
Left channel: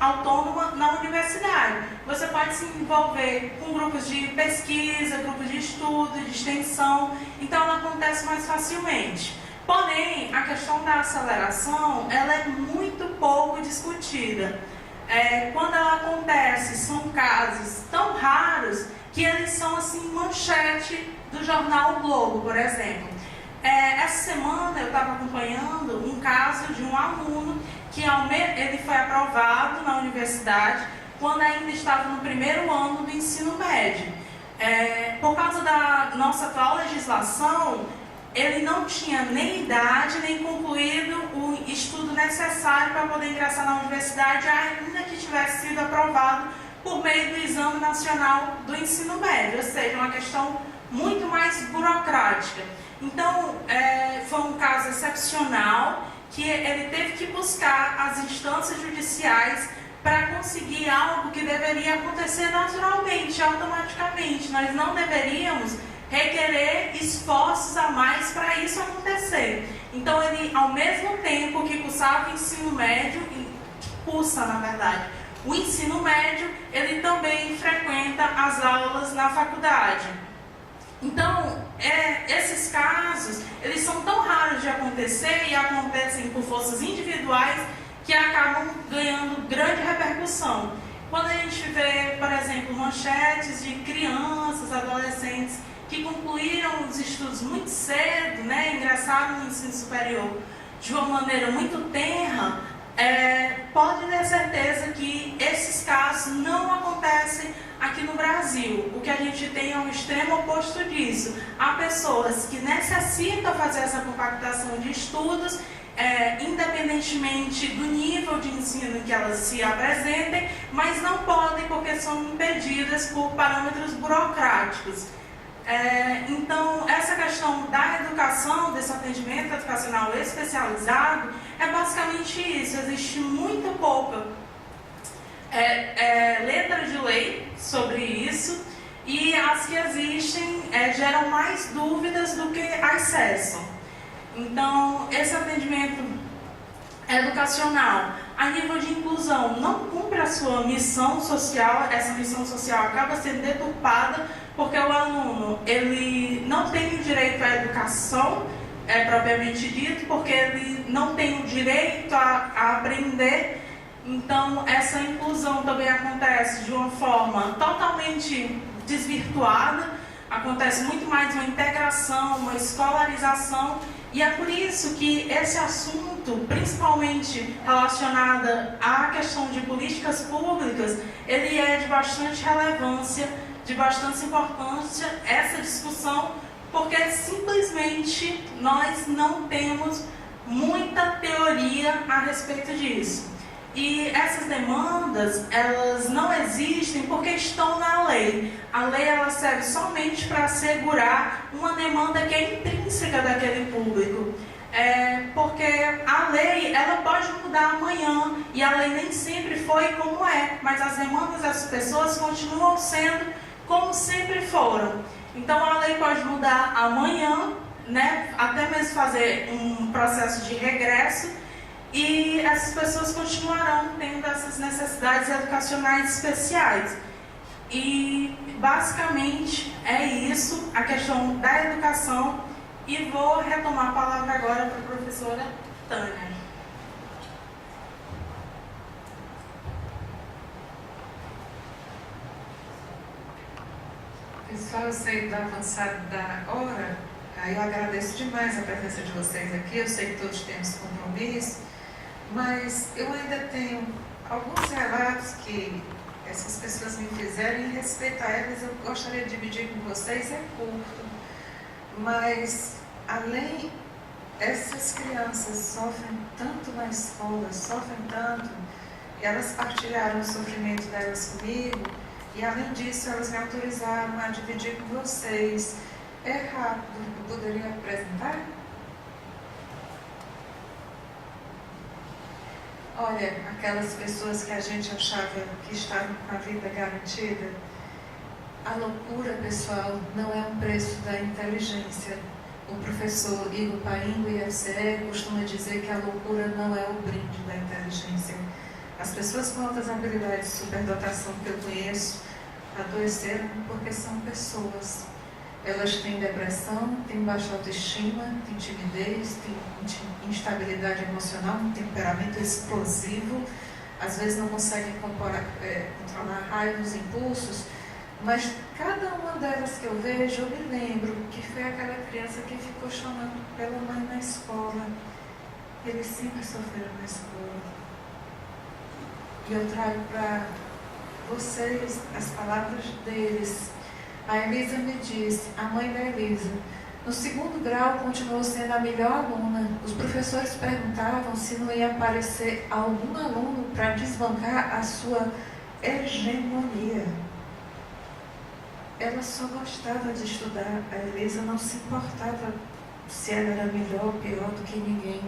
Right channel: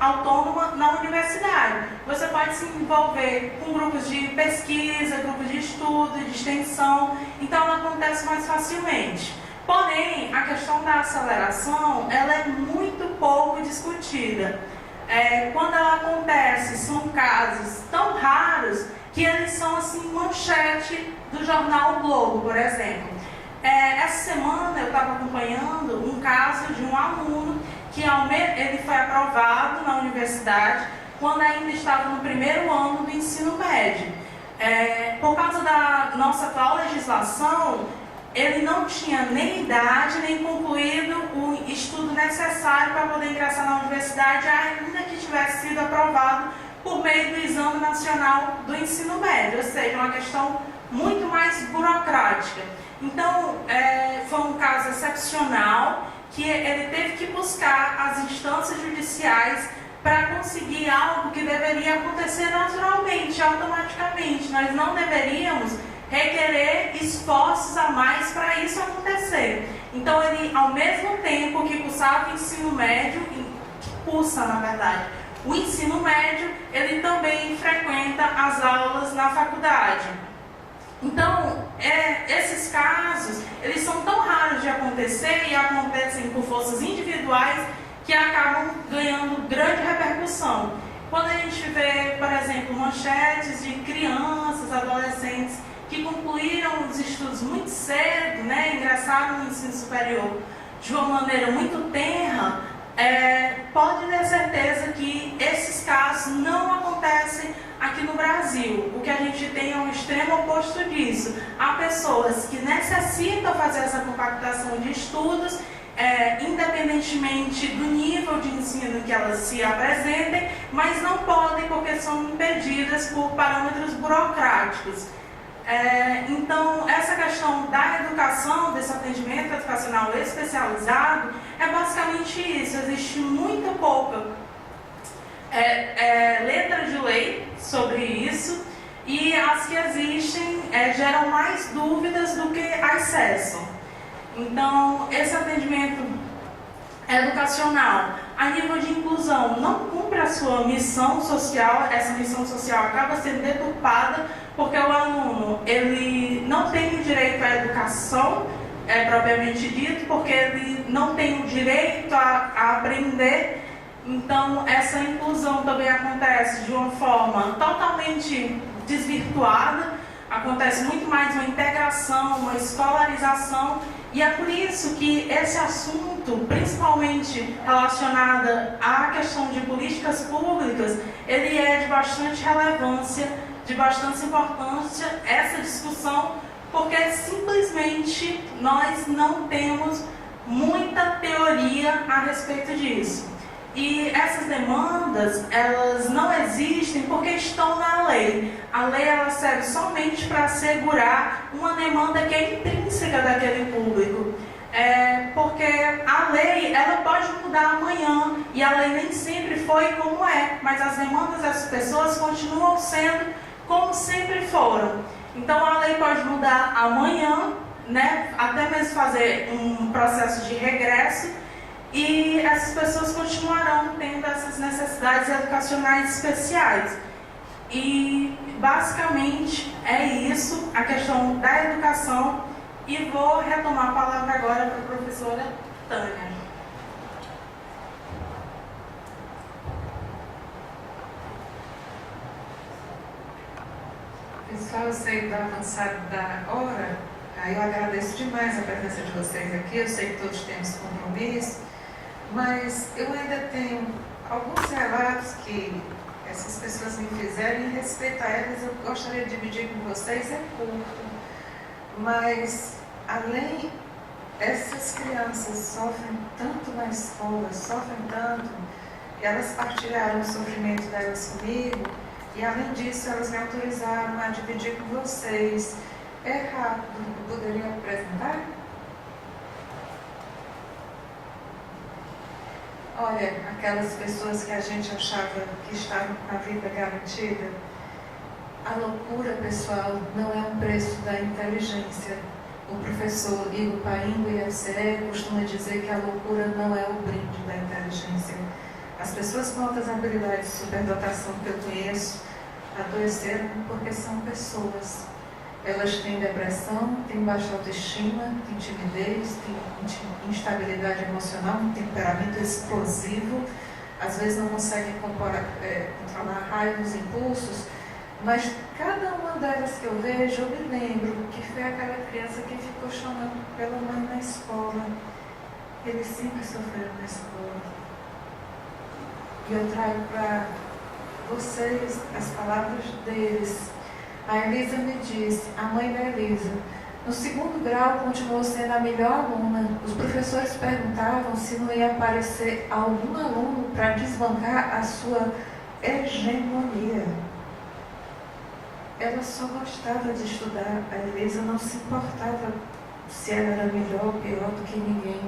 autônoma na universidade. Você pode se envolver com grupos de pesquisa, grupos de estudo, de extensão, então ela acontece mais facilmente. Porém, a questão da aceleração, ela é muito pouco discutida. Quando ela acontece, são casos tão raros que eles são assim manchete do jornal o Globo, por exemplo. Essa semana eu estava acompanhando um caso de um aluno que ele foi aprovado na universidade quando ainda estava no primeiro ano do ensino médio. Por causa da nossa atual legislação, ele não tinha nem idade, nem concluído o estudo necessário para poder ingressar na universidade, ainda que tivesse sido aprovado por meio do Exame Nacional do Ensino Médio, ou seja, uma questão muito mais burocrática. Então, foi um caso excepcional que ele teve que buscar as instâncias judiciais para conseguir algo que deveria acontecer naturalmente, automaticamente. Nós não deveríamos requerer esforços a mais para isso acontecer. Então, ele, ao mesmo tempo que cursava o ensino médio, cursa, na verdade, o ensino médio, ele também frequenta as aulas na faculdade. Então, esses casos, eles são tão raros de acontecer e acontecem por forças individuais que acabam ganhando grande repercussão. Quando a gente vê, por exemplo, manchetes de crianças, adolescentes que concluíram os estudos muito cedo, né, ingressaram no ensino superior de uma maneira muito tenra, pode ter certeza que esses casos não acontecem aqui no Brasil. O que a gente tem é um extremo oposto disso. Há pessoas que necessitam fazer essa compactação de estudos, independentemente do nível de ensino que elas se apresentem, mas não podem porque são impedidas por parâmetros burocráticos. Então, essa questão da educação, desse atendimento educacional especializado, é basicamente isso. Existe muito pouca letra de lei sobre isso, e as que existem geram mais dúvidas do que acesso. Então, esse atendimento educacional, a nível de inclusão, não cumpre a sua missão social. Essa missão social acaba sendo deturpada porque o aluno ele não tem o direito à educação, propriamente dito, porque ele não tem o direito a aprender. Então, essa inclusão também acontece de uma forma totalmente desvirtuada, acontece muito mais uma integração, uma escolarização, e é por isso que esse assunto, principalmente relacionado à questão de políticas públicas, ele é de bastante relevância, de bastante importância, essa discussão, porque simplesmente nós não temos muita teoria a respeito disso. E essas demandas, elas não existem porque estão na lei. A lei, ela serve somente para assegurar uma demanda que é intrínseca daquele público. Porque a lei, ela pode mudar amanhã, e a lei nem sempre foi como é, mas as demandas das pessoas continuam sendo como sempre foram. Então a lei pode mudar amanhã, né, até mesmo fazer um processo de regresso, e essas pessoas continuarão tendo essas necessidades educacionais especiais. E basicamente é isso, a questão da educação, e vou retomar a palavra agora para a professora Tânia. Pessoal, eu sei do avançado da hora, aí eu agradeço demais a presença de vocês aqui, eu sei que todos temos compromisso, mas eu ainda tenho alguns relatos que essas pessoas me fizeram, e em respeito a elas eu gostaria de dividir com vocês, é curto, mas além, essas crianças sofrem tanto na escola, sofrem tanto, e elas partilharam o sofrimento delas comigo, e além disso elas me autorizaram a dividir com vocês. É rápido, poderia apresentar? Olha, aquelas pessoas que a gente achava que estavam com a vida garantida, a loucura, pessoal, não é um preço da inteligência. O professor Igor Paim, do IFCE, costuma dizer que a loucura não é o brinde da inteligência. As pessoas com altas habilidades de superdotação que eu conheço adoeceram porque são pessoas. Elas têm depressão, têm baixa autoestima, têm timidez, têm instabilidade emocional, um temperamento explosivo, às vezes não conseguem controlar a raiva, os impulsos, mas cada uma delas que eu vejo, eu me lembro que foi aquela criança que ficou chamando pela mãe na escola. Eles sempre sofreram na escola. E eu trago para vocês as palavras deles. A Elisa me disse, a mãe da Elisa, no segundo grau continuou sendo a melhor aluna. Os professores perguntavam se não ia aparecer algum aluno para desbancar a sua hegemonia. Ela só gostava de estudar. A Elisa não se importava se ela era melhor ou pior do que ninguém.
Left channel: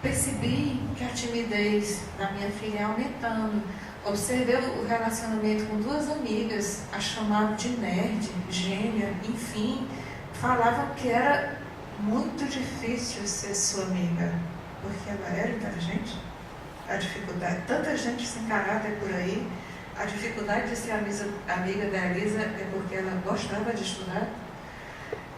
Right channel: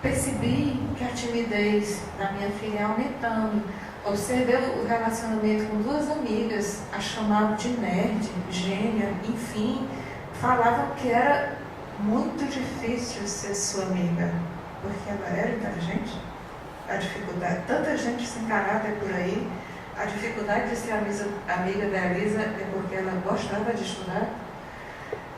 Percebi que a timidez da minha filha ia aumentando. Observei o relacionamento com duas amigas, a chamavam de nerd, gênia, enfim, falavam que era muito difícil ser sua amiga, porque ela era inteligente. A dificuldade, tanta gente sem caráter por aí, a dificuldade de ser amiga da Elisa é porque ela gostava de estudar.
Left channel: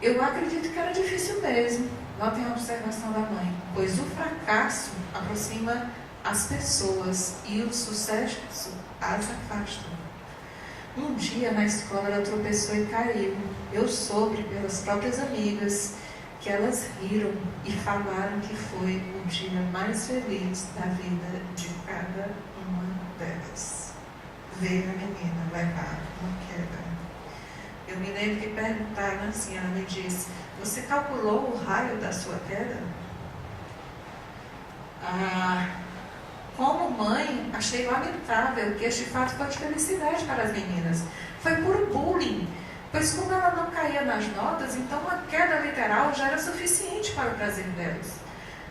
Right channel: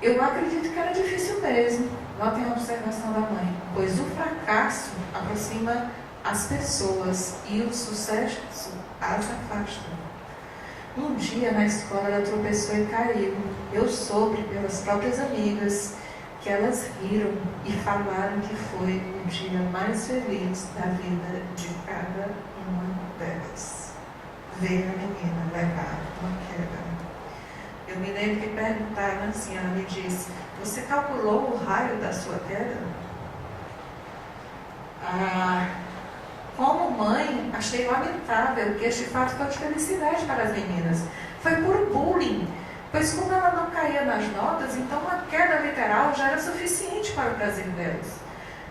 Eu acredito que era difícil mesmo. Notem a observação da mãe, pois o fracasso aproxima as pessoas e o sucesso as afasta. Um dia na escola ela tropeçou e caiu. Eu soube pelas próprias amigas que elas riram e falaram que foi o dia mais feliz da vida de cada uma delas. Ver a menina levar uma queda. Eu me lembro que perguntaram assim, ela me disse, você calculou o raio da sua queda? Como mãe, achei lamentável que este fato fosse felicidade para as meninas. Foi puro bullying, pois como ela não caía nas notas, então uma queda literal já era suficiente para o prazer delas.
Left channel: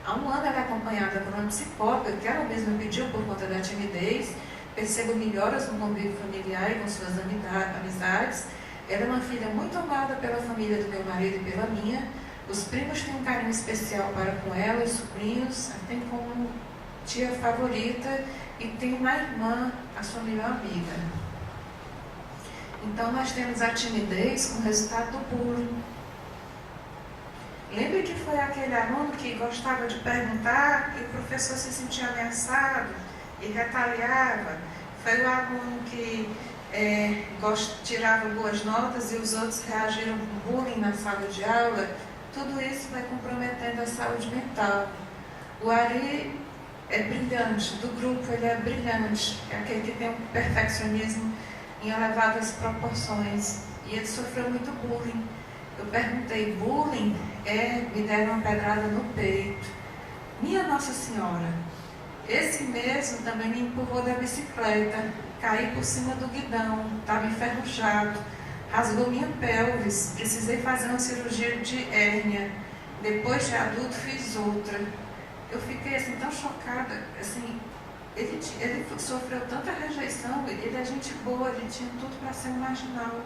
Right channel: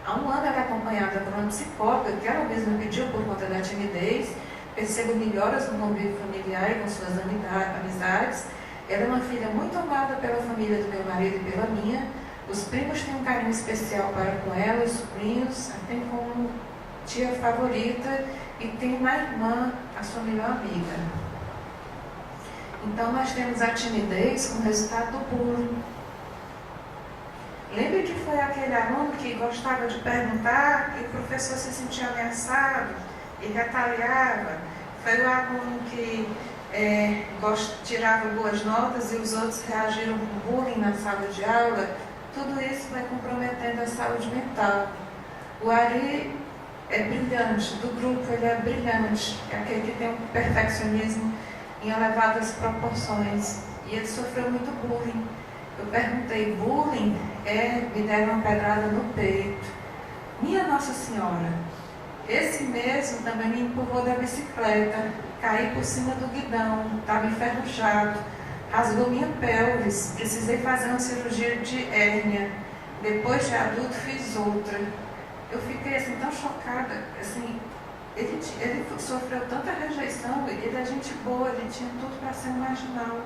Há um ano ela é acompanhada por uma psicóloga que ela mesma pediu por conta da timidez, percebo melhoras no convívio familiar e com suas amizades. Ela é uma filha muito amada pela família do meu marido e pela minha. Os primos têm um carinho especial para com ela, os sobrinhos a têm como tia favorita e tem uma irmã, a sua melhor amiga. Então, nós temos a timidez como resultado do bullying. Lembra que foi aquele aluno que gostava de perguntar, que o professor se sentia ameaçado e retaliava? Foi o aluno que tirava boas notas e os outros reagiram com bullying na sala de aula? Tudo isso vai comprometendo a saúde mental. O Ari é brilhante, do grupo ele é brilhante, é aquele que tem um perfeccionismo em elevadas proporções, e ele sofreu muito bullying. Eu perguntei, bullying? Me deram uma pedrada no peito. Minha Nossa Senhora, esse mesmo também me empurrou da bicicleta, caí por cima do guidão, estava enferrujado, rasgou minha pelvis, precisei fazer uma cirurgia de hérnia, depois de adulto fiz outra. Eu fiquei assim tão chocada, assim, ele sofreu tanta rejeição, ele é gente boa, ele tinha tudo para ser um marginal.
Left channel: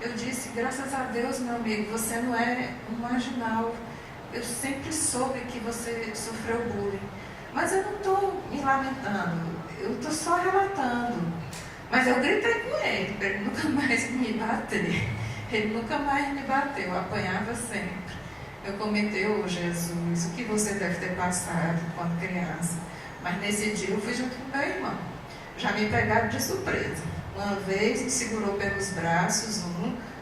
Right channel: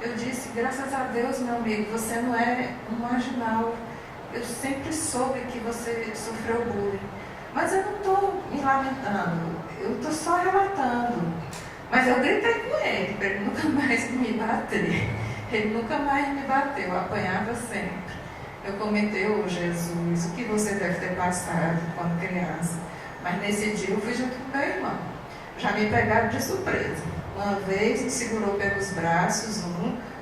Eu disse, graças a Deus, meu amigo, você não é um marginal. Eu sempre soube que você sofreu bullying. Mas eu não estou me lamentando, eu estou só relatando. Mas eu gritei com ele, para ele nunca mais me bater. Ele nunca mais me bateu, eu apanhava sempre. Eu comentei, Jesus, o que você deve ter passado quando criança. Mas nesse dia eu fui junto com meu irmão. Já me pegaram de surpresa. Uma vez me segurou pelos braços,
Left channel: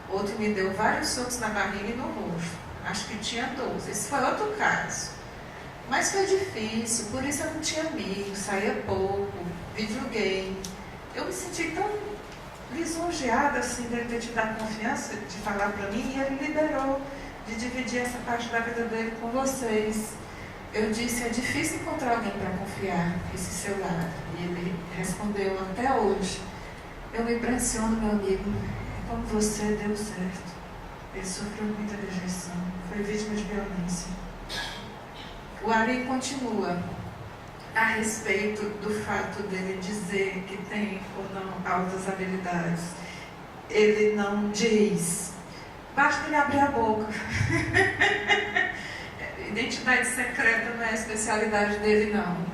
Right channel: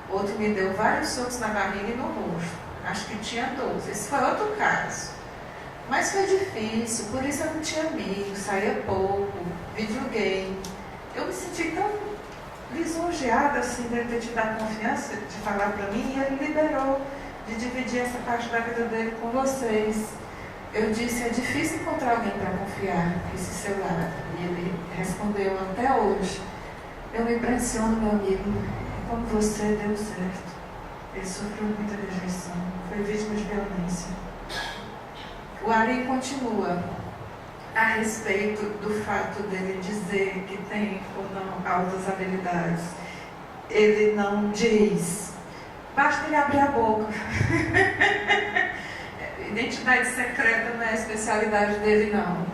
outro me deu vários socos na barriga e no rosto. Acho que tinha 12. Esse foi outro caso. Mas foi difícil, por isso eu não tinha amigos, saía pouco, videogame. Eu me senti tão lisonjeada assim, de ter te dado confiança de falar para mim, e ele liberou de dividir essa parte da vida dele com vocês. Eu disse, é difícil encontrar alguém para confiar esse seu lado. E ele respondeu, até hoje. Eu me impressiono, meu amigo, como você deu certo. Ele sofreu muita rejeição, foi vítima de violência. O Ari continua a respeito do fato dele dizer que tem ou não altas habilidades. Ele não diz, basta ele abrir a boca. Identidade secreta não é a especialidade dele, não.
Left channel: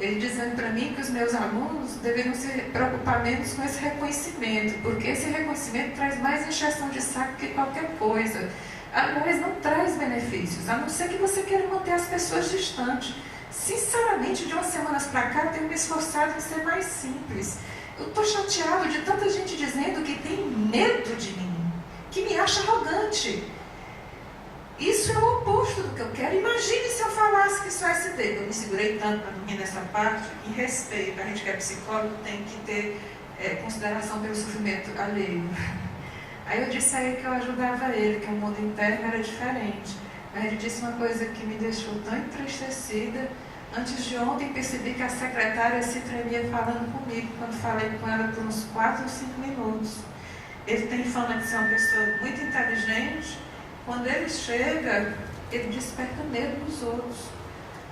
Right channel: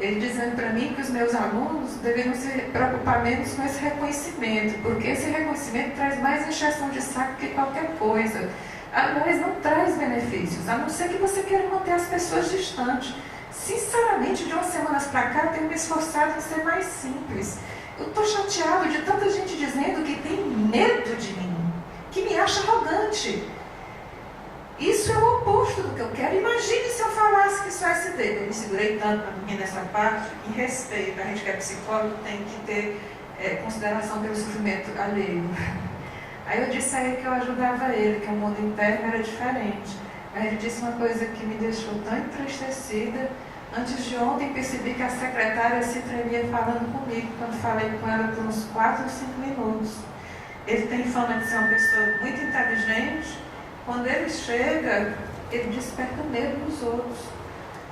Ele dizendo para mim que os meus alunos deveriam se preocupar menos com esse reconhecimento, porque esse reconhecimento traz mais injeção de saco que qualquer coisa. Aliás, não traz benefícios, a não ser que você queira manter as pessoas distantes. Sinceramente, de umas semanas para cá, eu tenho me esforçado em ser mais simples. Eu estou chateado de tanta gente dizendo que tem medo de mim, que me acha arrogante. Isso é o oposto do que eu quero. Imagine se eu falasse que sou SD. Eu me segurei tanto para dormir nessa parte, em respeito. A gente que é psicólogo tem que ter consideração pelo sofrimento alheio. Aí eu disse a ele que eu ajudava ele, que o mundo interno era diferente. Aí ele disse uma coisa que me deixou tão entristecida. Antes de ontem percebi que a secretária se tremia falando comigo, quando falei com ela por uns 4 ou 5 minutos. Ele tem fama de ser uma pessoa muito inteligente. Quando ele chega, ele desperta medo nos outros.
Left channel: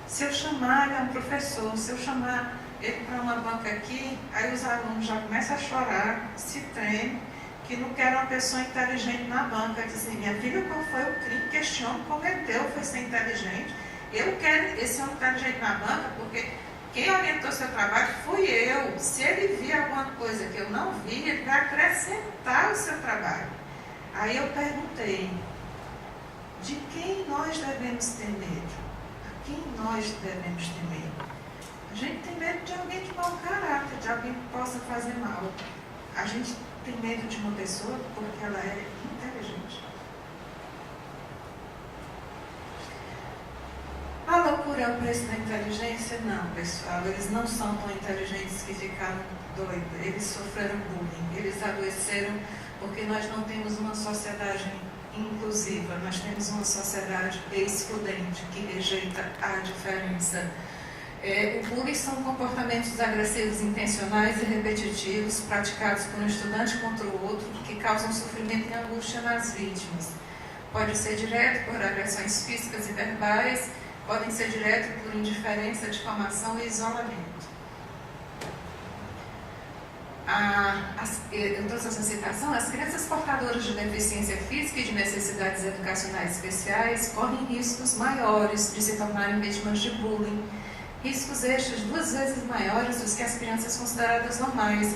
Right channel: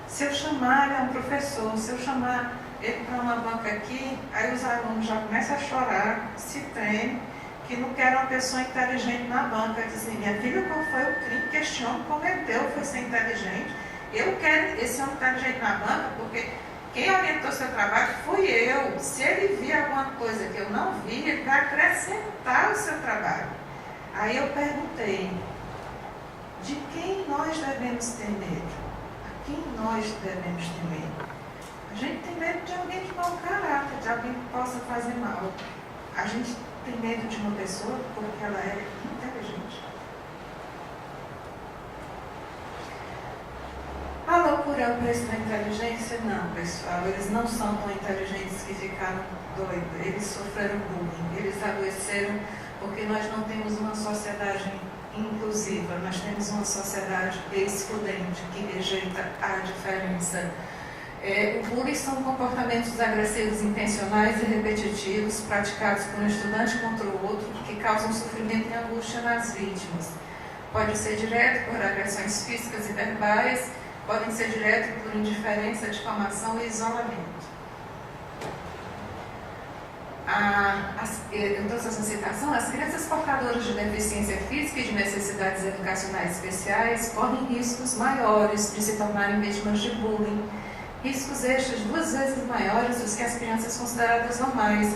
Se eu chamar, ele é um professor, se eu chamar ele para uma banca aqui, aí os alunos já começam a chorar, se tremem, que não querem uma pessoa inteligente na banca. Dizem, minha filha, qual foi o crime que este homem cometeu? Foi ser inteligente. Eu quero esse homem inteligente na banca, porque quem orientou seu trabalho fui eu. Se ele vir alguma coisa que eu não vi, ele vai acrescentar o seu trabalho. Aí eu perguntei, de quem nós devemos ter medo? A quem nós devemos ter medo? A gente tem medo de alguém de mau caráter, de alguém que possa fazer mal. A gente tem medo de uma pessoa porque ela é inteligente. A loucura é o preço da inteligência? Não, pessoal. Eles não são tão inteligentes que ficaram doidos. Eles sofreram bullying. Eles adoeceram porque nós não temos uma sociedade inclusiva, nós temos uma sociedade excludente que rejeita a diferença. O bullying são comportamentos agressivos intencionais e repetitivos praticados por um estudante contra o outro que causam sofrimento e angústia nas vítimas. Pode ser direto por agressões físicas e verbais, podem ser direto por indiferença, difamação e isolamento. Eu trouxe essa citação, as crianças portadoras de deficiência física e de necessidades educacionais especiais correm riscos maiores de se tornarem vítimas de bullying, riscos estes 2 vezes maiores dos que as crianças consideradas normais.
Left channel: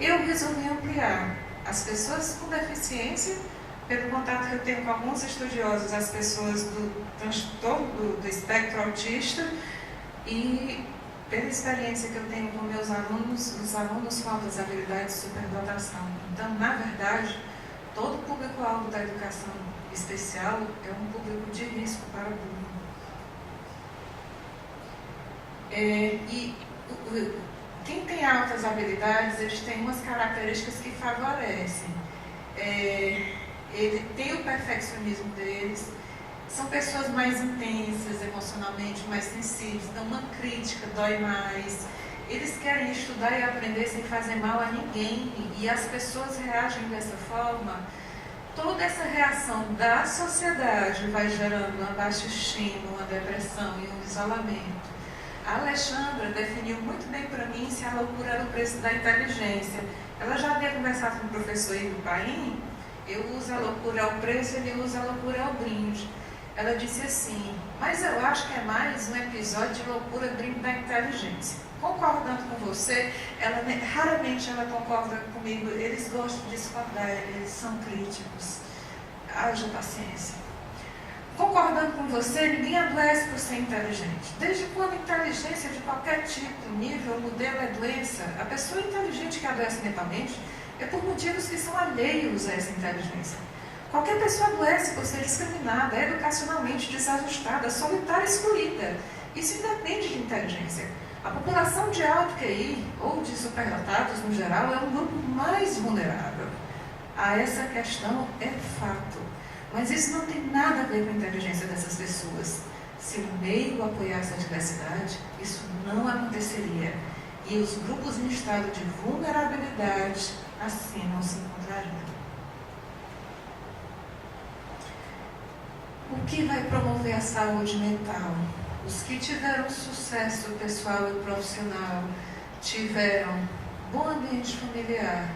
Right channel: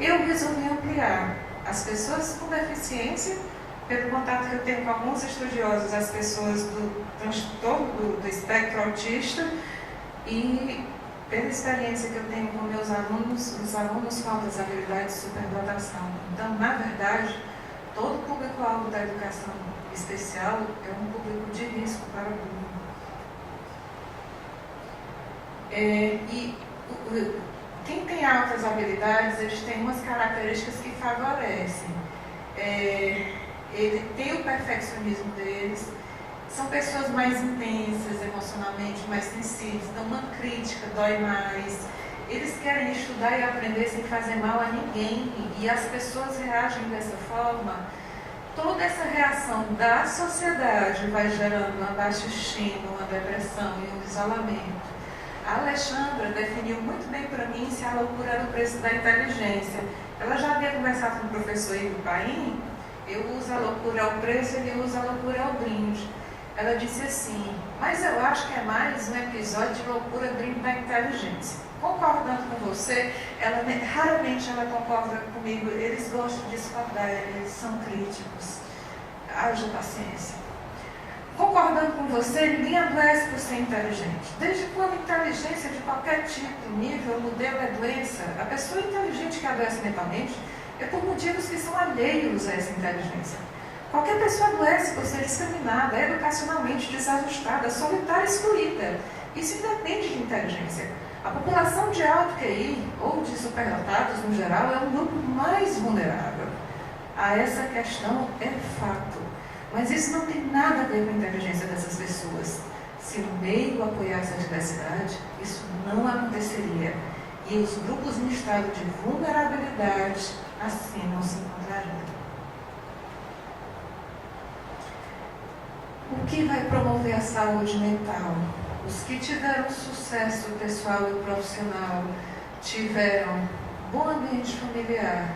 Eu resolvi ampliar. As pessoas com deficiência, pelo contato que eu tenho com alguns estudiosos, as pessoas do transtorno do espectro autista, e pela experiência que eu tenho com meus alunos, os alunos com altas habilidades de superdotação. Então, na verdade, todo o público-alvo da educação especial é um público de risco para o bullying. Quem tem altas habilidades, eles têm umas características que favorecem. Ele tem o perfeccionismo deles, são pessoas mais intensas emocionalmente, mais sensíveis, então uma crítica dói mais. Eles querem estudar e aprender sem fazer mal a ninguém, e as pessoas reagem dessa forma. Toda essa reação da sociedade vai gerando uma baixa estima, uma depressão e um isolamento. A Alexandra definiu muito bem para mim se a loucura era o preço da inteligência. Ela já havia conversado com o professor Igor Paim. Eu uso a loucura ao preço, ele usa a loucura ao brinde. Ela disse assim, mas eu acho que é mais um episódio de loucura brinde da inteligência. Concordando com você, raramente ela concorda comigo, eles gostam de discordar, eles são críticos. Haja paciência. Concordando com você, ninguém adoece por ser inteligente. Desde quando inteligência de qualquer tipo, nível, modelo é doença, a pessoa inteligente que adoece mentalmente é por motivos que são alheios a essa inteligência. Qualquer pessoa adoece por ser discriminada, educacionalmente desajustada, solitária e excluída. Isso independe de inteligência. A população de alto QI, ou de superdotados no geral, é um grupo mais vulnerável. A essa questão é fato. Mas isso não tem nada a ver com a inteligência dessas pessoas. Se o meio apoiasse a diversidade, isso não aconteceria. E os grupos em estado de vulnerabilidade assim não se encontrariam. O que vai promover a saúde mental? Os que tiveram sucesso pessoal e profissional tiveram bom ambiente familiar,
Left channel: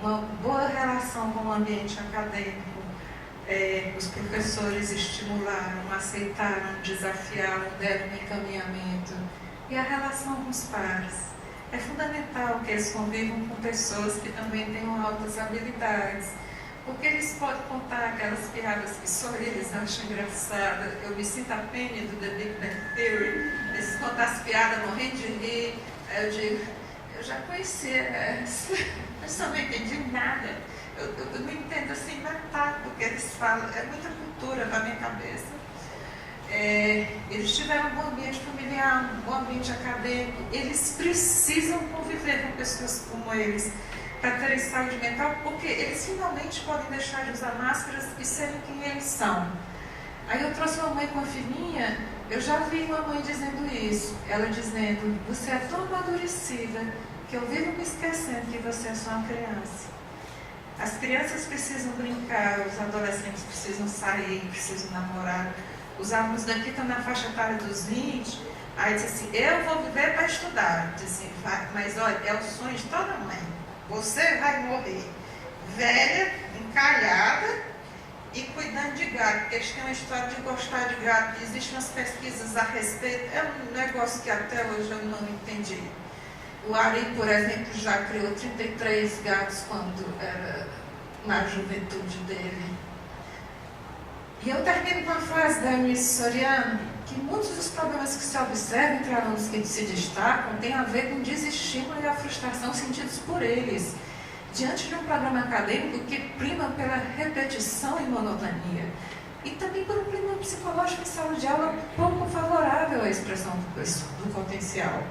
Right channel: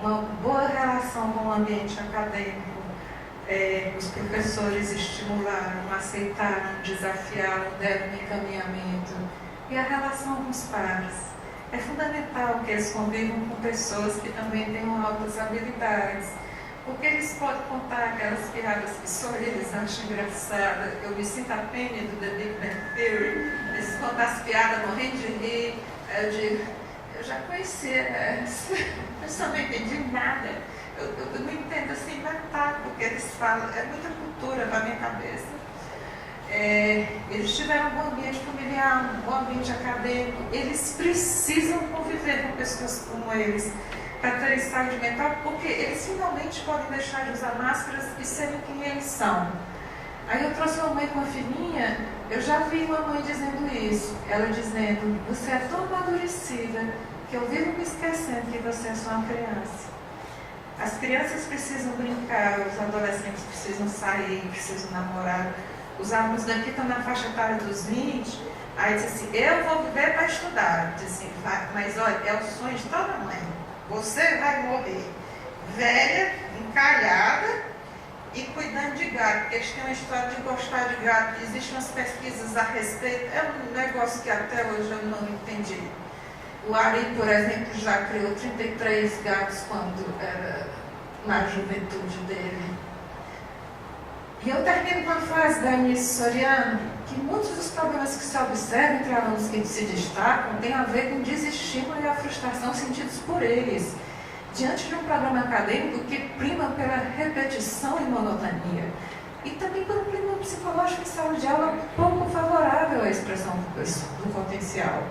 uma boa relação com o ambiente acadêmico, os professores estimularam, aceitaram, desafiaram, deram um encaminhamento, e a relação com os pares. É fundamental que eles convivam com pessoas que também tenham altas habilidades, porque eles podem contar aquelas piadas que só eles acham engraçadas. Eu me sinto a Penny do The Big Bang Theory, eles contam as piadas morrendo de rir. Eu digo, eu já conhecia essa, eu só não entendi nada. Eu não entendo assim metade do que eles falam, é muita cultura na minha cabeça. Eles tiveram um bom ambiente familiar, um bom ambiente acadêmico, eles precisam conviver com pessoas como eles para terem saúde mental, porque eles finalmente podem deixar de usar máscaras e serem quem eles são. Aí eu trouxe uma mãe com a filhinha, eu já vi uma mãe dizendo isso, ela dizendo, você é tão amadurecida que eu vivo me esquecendo que você é só uma criança. As crianças precisam brincar, os adolescentes precisam sair, precisam namorar. Os alunos daqui estão na faixa etária dos 20, aí diz assim, eu vou viver para estudar. Diz assim, mas olha, é o sonho de toda mãe. Você vai morrer velha, encalhada e cuidando de gato, porque eles têm uma história de gostar de gato. Existem umas pesquisas a respeito, é um negócio que até hoje eu não entendi. O Ari, por exemplo, já criou 33 gatos quando era na juventude dele. E eu termino com a frase da Eunice Soriano, que muitos dos problemas que se observam entre alunos que se destacam têm a ver com o desestímulo e a frustração sentidos por eles, diante de um programa acadêmico que prima pela repetição e monotonia, e também por um clima psicológico em sala de aula pouco favorável à expressão do potencial.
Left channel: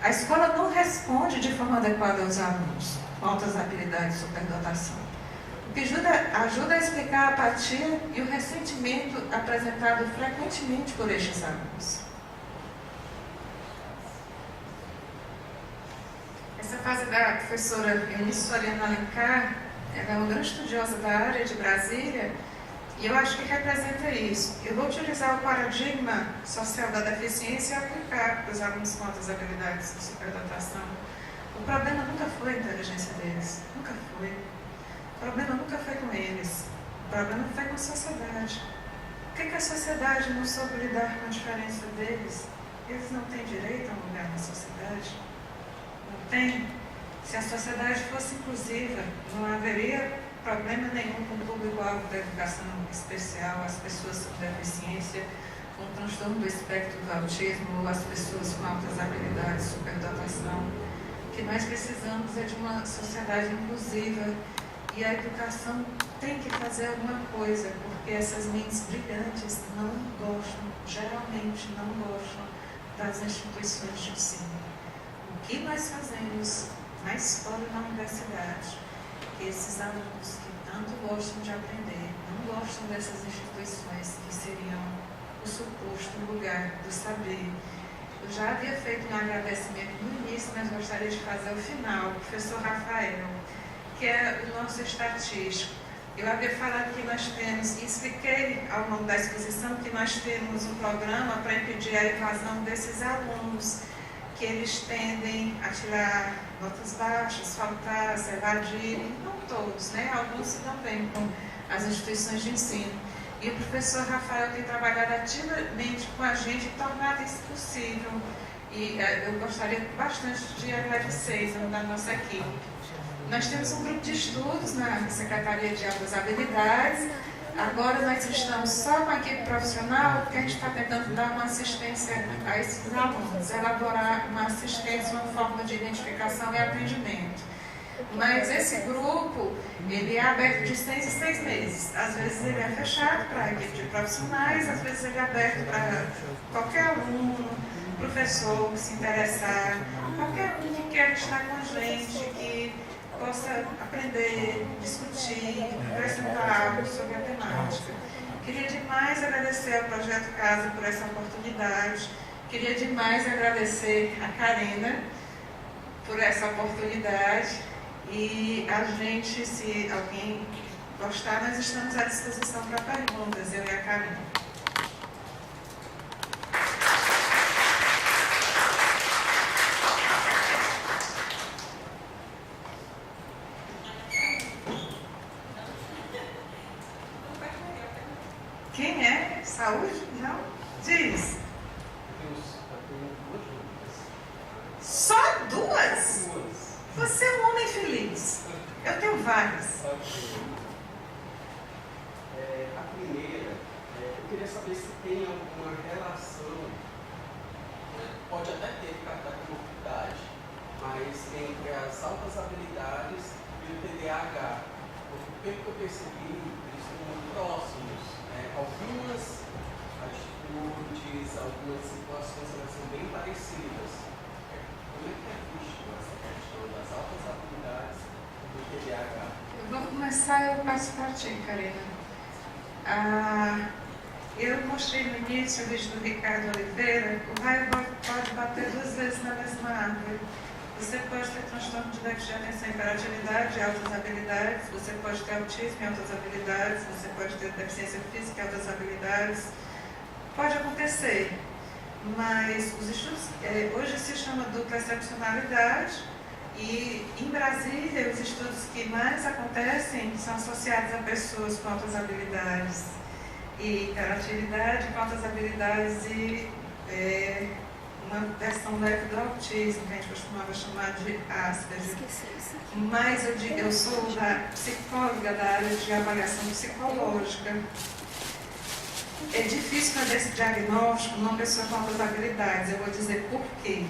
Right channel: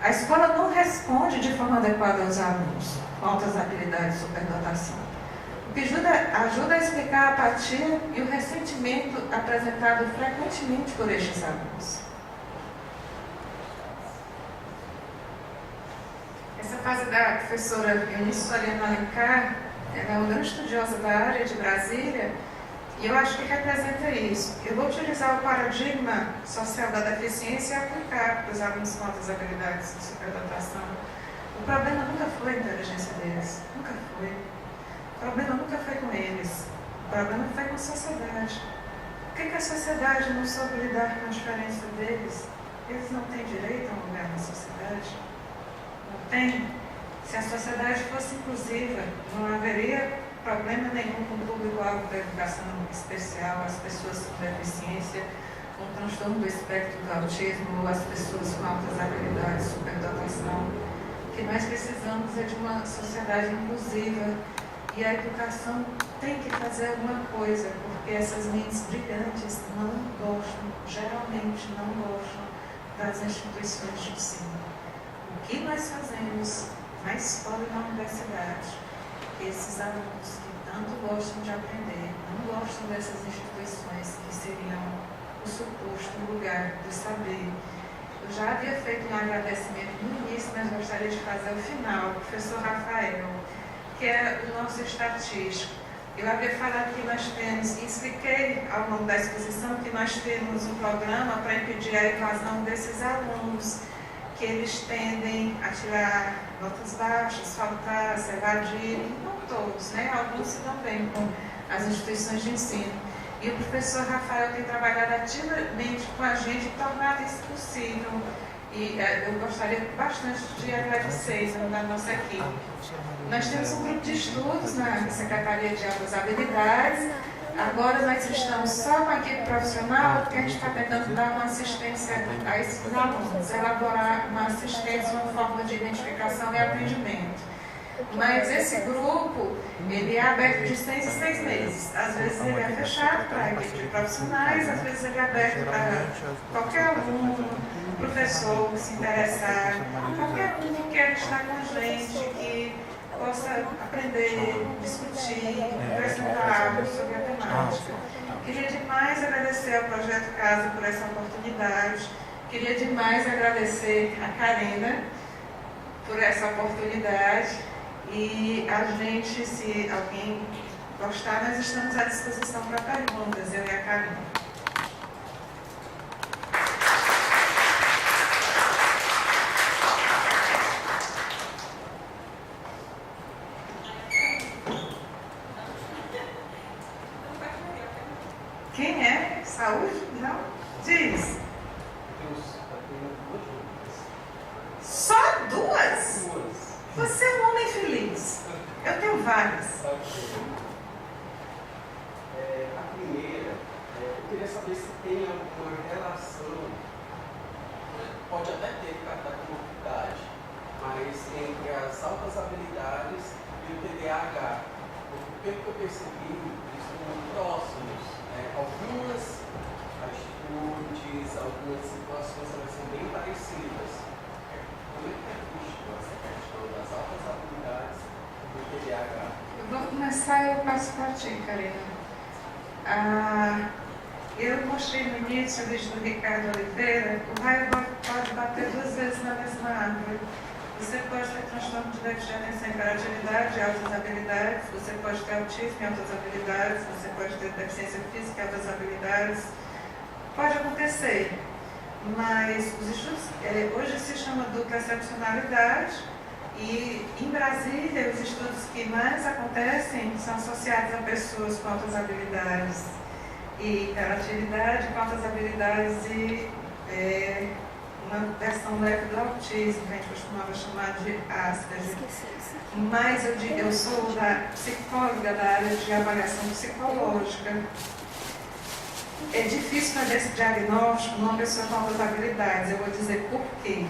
A escola não responde de forma adequada aos alunos com altas habilidades de superdotação, o que ajuda a explicar a apatia e o ressentimento apresentado frequentemente por estes alunos. Essa fase da professora Eunice Soriano Alencar, ela é uma grande estudiosa da área de Brasília, e eu acho que representa isso. Eu vou utilizar o paradigma social da deficiência e aplicar para os alunos com altas habilidades de superdotação. O problema nunca foi a inteligência deles, nunca foi. O problema nunca foi com eles, o problema foi com a sociedade. Por que a sociedade não soube lidar com a diferença deles? Eles não têm direito a um lugar na sociedade? Não têm? Se a sociedade fosse inclusiva, não haveria problema nenhum com o público-alvo da educação especial, as pessoas com deficiência, com transtorno do espectro do autismo, ou as pessoas com altas habilidades, superdotação. O que nós precisamos é de uma sociedade inclusiva, e a educação tem que fazer alguma coisa, porque essas mentes brilhantes não gostam, geralmente não gostam das instituições de ensino. O que nós fazemos na escola e na universidade, esses alunos que tanto gostam de aprender, não gostam dessas instituições que seriam o suposto lugar do saber. Eu já havia feito um agradecimento no início, mas gostaria de fazer ao final, o professor Rafael, que é o nosso estatístico. Eu havia falado que nós temos, e expliquei ao longo da exposição, que nós temos um programa para impedir a evasão desses alunos, que eles tendem a tirar notas baixas, faltar, se evadirem, não todos, né? Alguns se dão bem com as instituições de ensino. E o professor Rafael tem trabalhado ativamente com a gente e tornado isso possível. E eu gostaria bastante de agradecer da nossa equipe. Nós temos um grupo de estudos na Secretaria de Altas Habilidades. Agora nós estamos só com a equipe profissional, porque a gente está tentando dar uma assistência a esses alunos, elaborar uma assistência, uma forma de identificação e aprendimento. Mas esse grupo, ele é aberto de 6 em 6 meses. Às vezes ele é fechado para a equipe de profissionais, às vezes ele é aberto para qualquer aluno, professor que se interessar, qualquer um que quer estar com a gente, que possa aprender, discutir, apresentar algo sobre a temática. Queria demais agradecer ao Projeto Casa por essa oportunidade. Queria demais agradecer a Karina por essa oportunidade. E a gente, se alguém gostar, nós estamos à disposição para perguntas, eu e a Karina. Quem é? Saúde? Não? Diz. Só duas? Você é um homem feliz. Eu tenho várias. A primeira, eu queria saber se tem alguma relação, pode até ter da comorbidade, mas entre as altas habilidades e o TDAH. Pelo que eu percebi, eles estão muito próximos. Algumas atitudes, algumas situações, elas são bem parecidas. Como é que é visto essa questão das altas habilidades do TDAH? Eu vou começar, eu passo para ti, Karina. Eu mostrei no início o vídeo do Ricardo Oliveira. O raio pode bater 2 vezes na mesma árvore. Você pode ter transtorno de déficit de atenção e hiperatividade, altas habilidades. Você pode ter autismo e altas habilidades. Você pode ter deficiência física e altas habilidades. Pode acontecer. Mas os estudos, hoje se chama dupla excepcionalidade, e em Brasília os estudos que mais acontecem são associados a pessoas com altas habilidades e hiperatividade, com altas habilidades e uma versão leve do autismo, que a gente costumava chamar de Asperger. Mas eu sou psicóloga da área de avaliação psicológica. É difícil fazer esse diagnóstico numa pessoa com altas habilidades. Eu vou dizer por quê.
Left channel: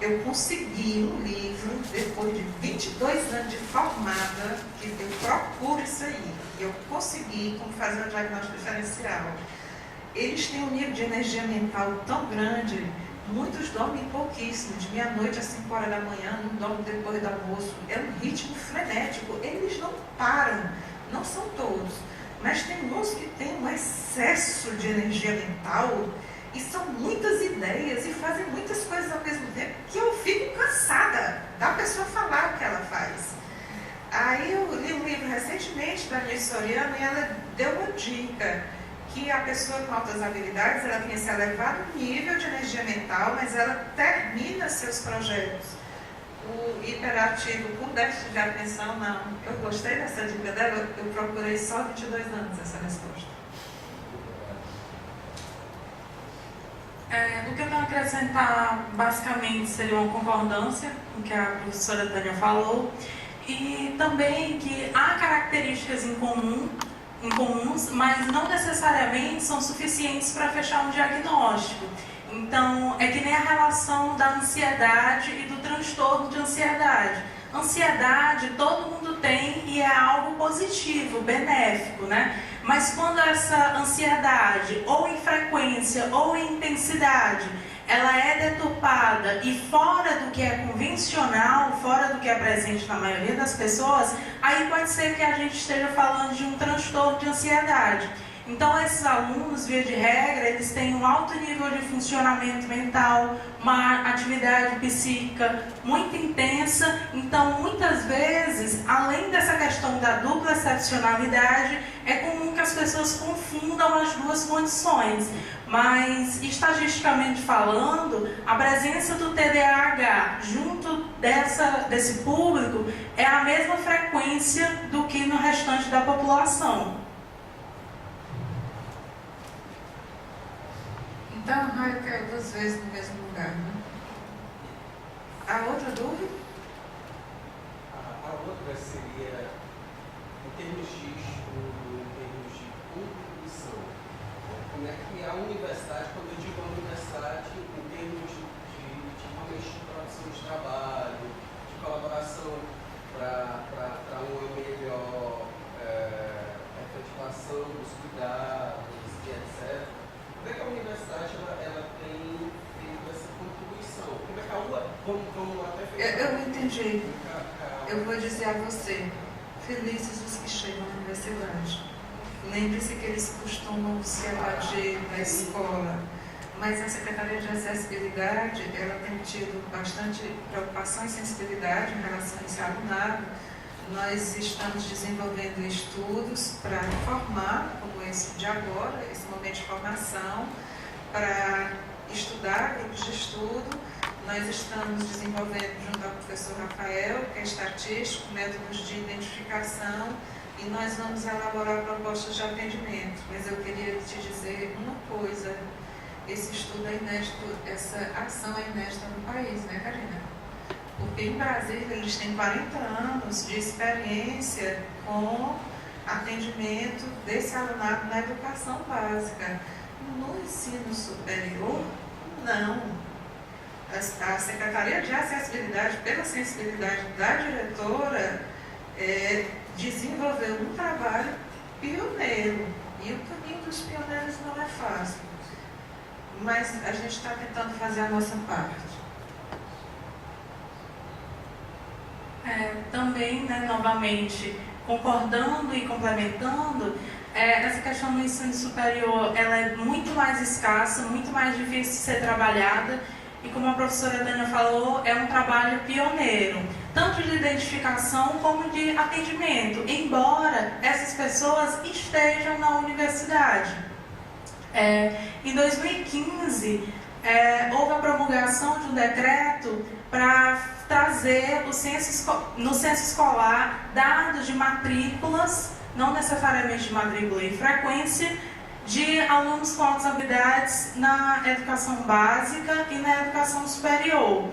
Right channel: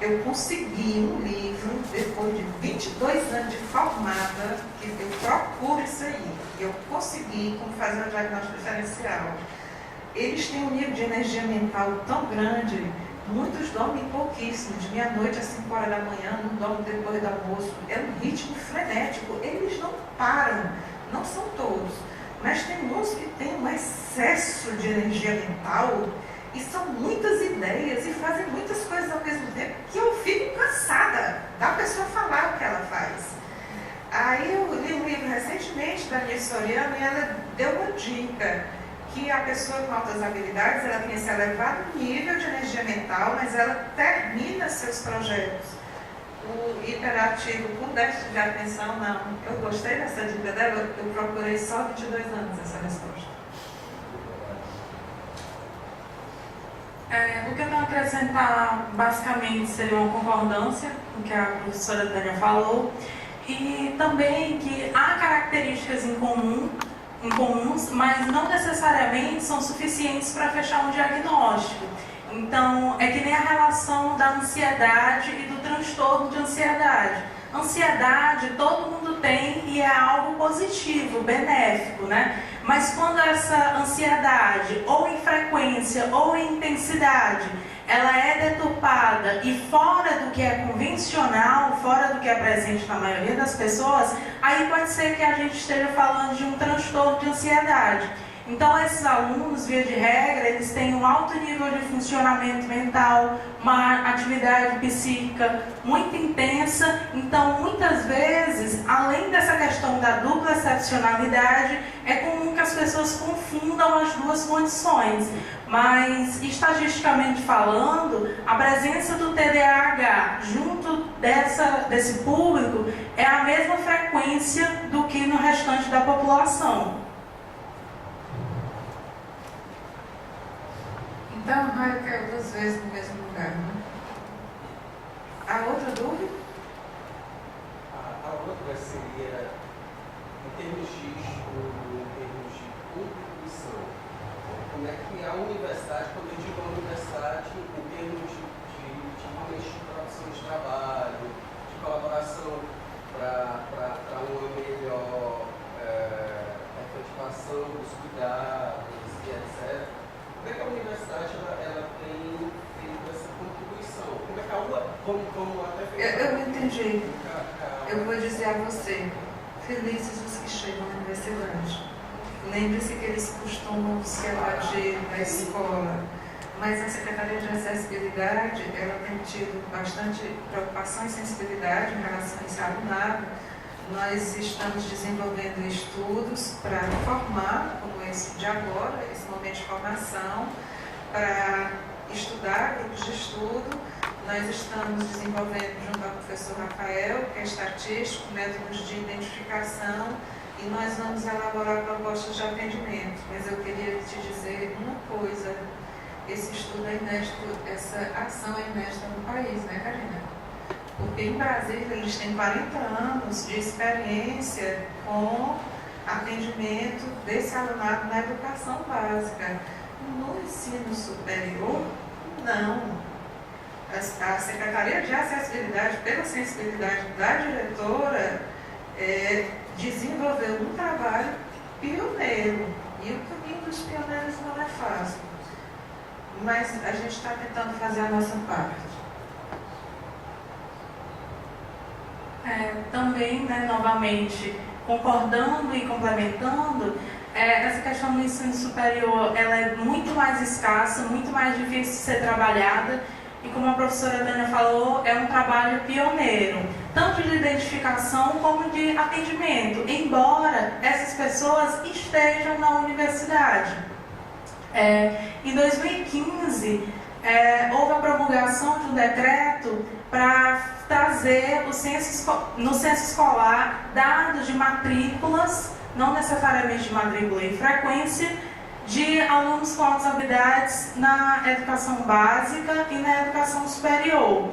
Eu consegui um livro, depois de 22 anos de formada, que eu procuro isso aí. Eu consegui como fazer um diagnóstico diferencial. Eles têm um nível de energia mental tão grande, muitos dormem pouquíssimo, de meia-noite às 5 horas da manhã, não dormem depois do almoço. É um ritmo frenético, eles não param, não são todos. Mas tem uns que têm um excesso de energia mental e são muitas ideias e fazem muitas coisas ao mesmo tempo que eu fico cansada da pessoa falar o que ela faz. Aí eu li um livro recentemente da Nilce Soriano e ela deu uma dica que a pessoa com altas habilidades ela tem esse elevado nível de energia mental, mas ela termina seus projetos. O hiperativo com déficit de atenção, não. Eu gostei dessa dica dela, eu procurei só 22 anos essa resposta. O que eu tenho a acrescentar, basicamente, seria uma concordância com o que a professora Tânia falou, e também que há características incomuns, mas não necessariamente são suficientes para fechar um diagnóstico. Então, é que nem a relação da ansiedade e do transtorno de ansiedade. Ansiedade todo mundo tem e é algo positivo, benéfico, né? Mas quando essa ansiedade, ou em frequência ou em intensidade, ela é deturpada e fora do que é convencional, fora do que é presente na maioria das pessoas, aí pode ser que a gente esteja falando de um transtorno de ansiedade. Então, esses alunos, via de regra, eles têm um alto nível de funcionamento mental, uma atividade psíquica muito intensa. Então, muitas vezes, além dessa questão da dupla excepcionalidade, é comum que as pessoas confundam as duas condições. Mas, estatisticamente falando, a presença do TDAH junto desse público é a mesma frequência do que no restante da população. Então, o raio caiu 2 vezes no mesmo lugar, né? A outra dúvida? A outra seria, em termos de estudo, em termos de contribuição, como é que a universidade, quando eu digo a universidade, em termos de realmente de produção de trabalho, de colaboração para uma melhor efetivação dos cuidados e etc., como é que a universidade ela tem feito essa contribuição? Como é que a UA, vamos até Eu entendi. Eu vou dizer a você, felizes os que chegam na universidade. Lembre-se que eles costumam se evadir na escola, mas a Secretaria de Acessibilidade, ela tem tido bastante preocupação e sensibilidade em relação a esse alunado. Nós estamos desenvolvendo estudos para formar, como esse de agora, esse momento de formação, para estudar grupos de estudo. Nós estamos desenvolvendo, junto ao professor Rafael, que é estatístico, métodos de identificação, e nós vamos elaborar propostas de atendimento. Mas eu queria te dizer uma coisa, esse estudo é inédito, essa ação é inédita no país, né, Karina? Porque em Brasília eles têm 40 anos de experiência com atendimento desse alunado na educação básica. No ensino superior, não. A Secretaria de Acessibilidade, pela sensibilidade da diretora, desenvolveu um trabalho pioneiro. E o caminho dos pioneiros não é fácil. Mas a gente está tentando fazer a nossa parte. Também, né, novamente, concordando e complementando, essa questão do ensino superior, ela é muito mais escassa, muito mais difícil de ser trabalhada, e como a professora Tânia falou, é um trabalho pioneiro, tanto de identificação como de atendimento, embora essas pessoas estejam na universidade. Em 2015, houve a promulgação de um decreto para trazer no censo escolar dados de matrículas, não necessariamente de matrícula e frequência, de alunos com altas habilidades na educação básica e na educação superior.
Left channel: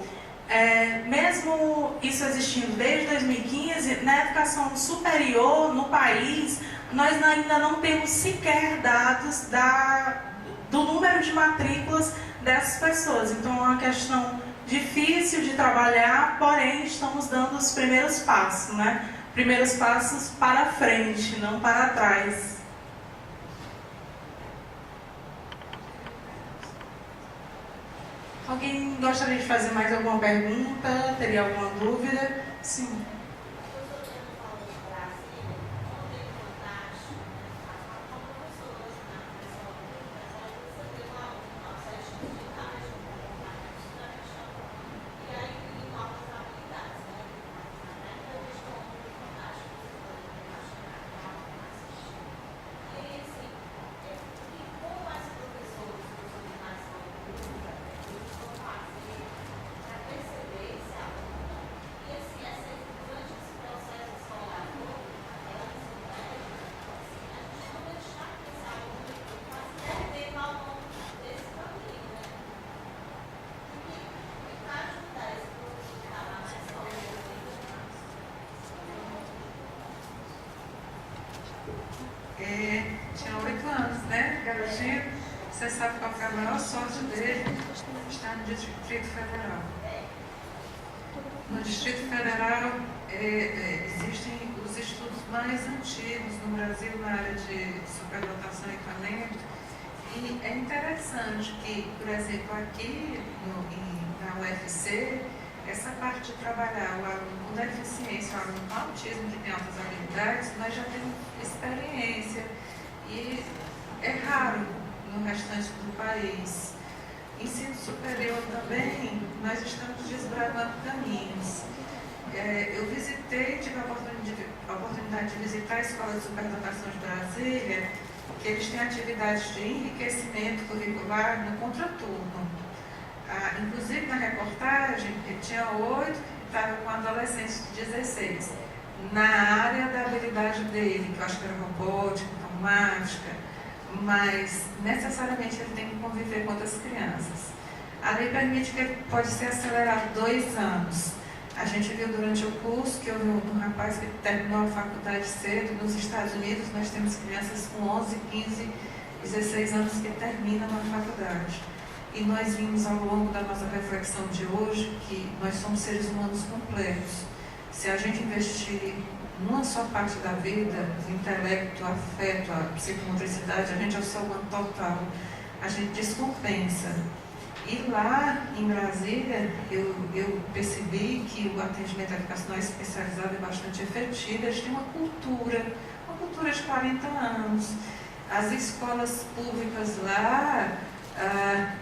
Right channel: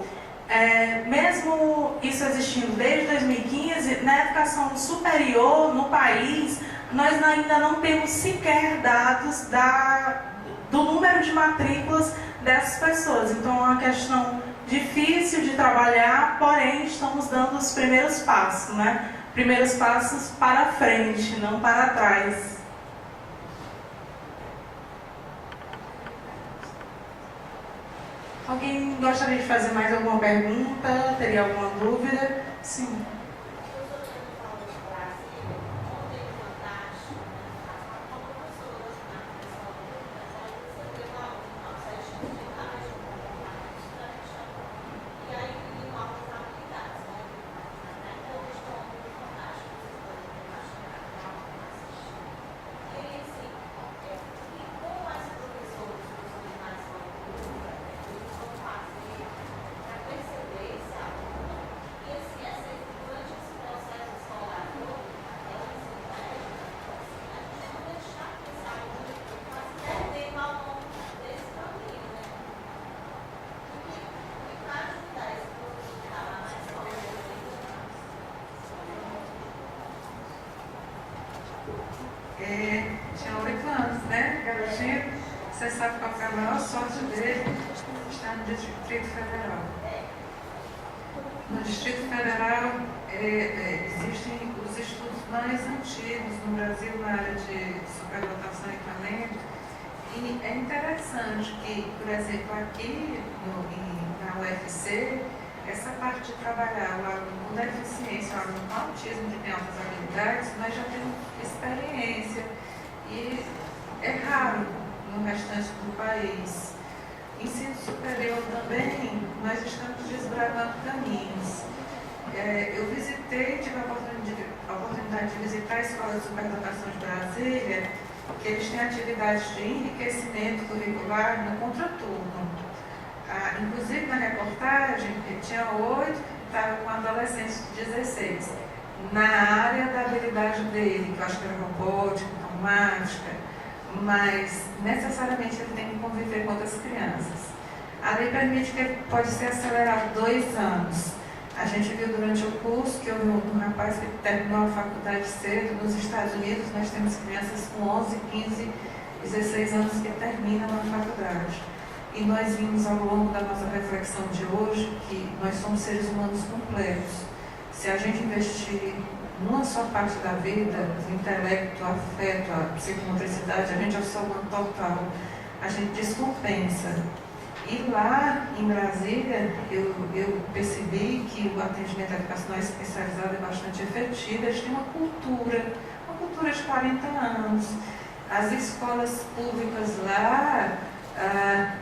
Mesmo isso existindo desde 2015, na educação superior, no país, nós ainda não temos sequer dados do número de matrículas dessas pessoas. Então é uma questão difícil de trabalhar, porém estamos dando os primeiros passos, né? Primeiros passos para frente, não para trás. Alguém gostaria de fazer mais alguma pergunta? Teria alguma dúvida? Sim. tinha 8 anos, né, garotinho? Você sabe qual foi a maior sorte dele? Está no Distrito Federal. No Distrito Federal existem os estudos mais antigos no Brasil na área de superdotação e talento. E é interessante que, por exemplo, aqui na UFC, essa parte de trabalhar o aluno com deficiência, o aluno com autismo que tem altas habilidades, nós já temos experiência e é raro no restante do país. Ensino superior também, nós estamos desbravando caminhos. Eu visitei, tive a oportunidade de visitar a Escola de Superdotação de Brasília, que eles têm atividades de enriquecimento curricular no contraturno. Inclusive na reportagem, ele tinha 8, estava com adolescentes de 16. Na área da habilidade dele, que eu acho que era robótica, informática, mas necessariamente ele tem que conviver com outras crianças. A lei permite que ele pode ser acelerado 2 anos. A gente viu durante o curso que houve um rapaz que terminou a faculdade cedo. Nos Estados Unidos, nós temos crianças com 11, 15, 16 anos que terminam a faculdade. E nós vimos ao longo da nossa reflexão de hoje que nós somos seres humanos completos. Se a gente investir numa só parte da vida, o intelecto, o afeto, a psicomotricidade, a gente é o ser humano total, a gente descompensa. E lá em Brasília, eu percebi que o atendimento educacional especializado é bastante efetivo. Eles têm uma cultura de 40 anos. As escolas públicas lá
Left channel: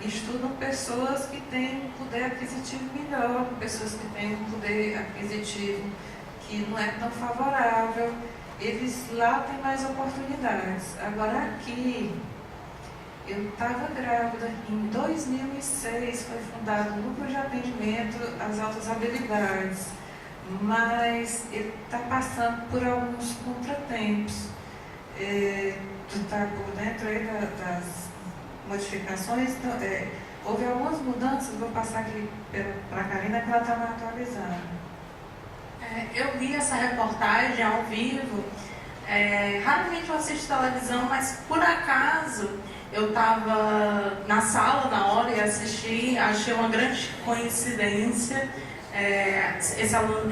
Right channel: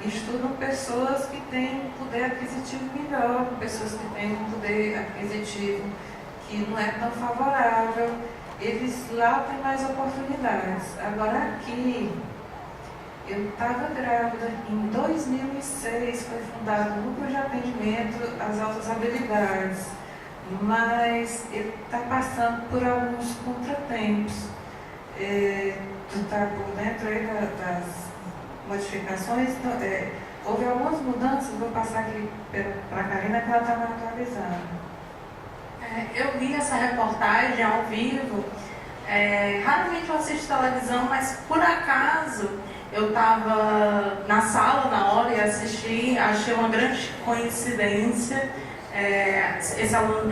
estudam pessoas que têm um poder aquisitivo melhor, pessoas que têm um poder aquisitivo que não é tão favorável. Eles lá têm mais oportunidades. Agora aqui, eu estava grávida, em 2006 foi fundado o Núcleo de Atendimento às Altas Habilidades, mas ele está passando por alguns contratempos. Tu está por dentro aí das modificações, então, houve algumas mudanças, vou passar aqui para a Karina que ela está me atualizando. Eu vi essa reportagem ao vivo, raramente eu assisto televisão, mas por acaso eu estava na sala na hora e assisti, achei uma grande coincidência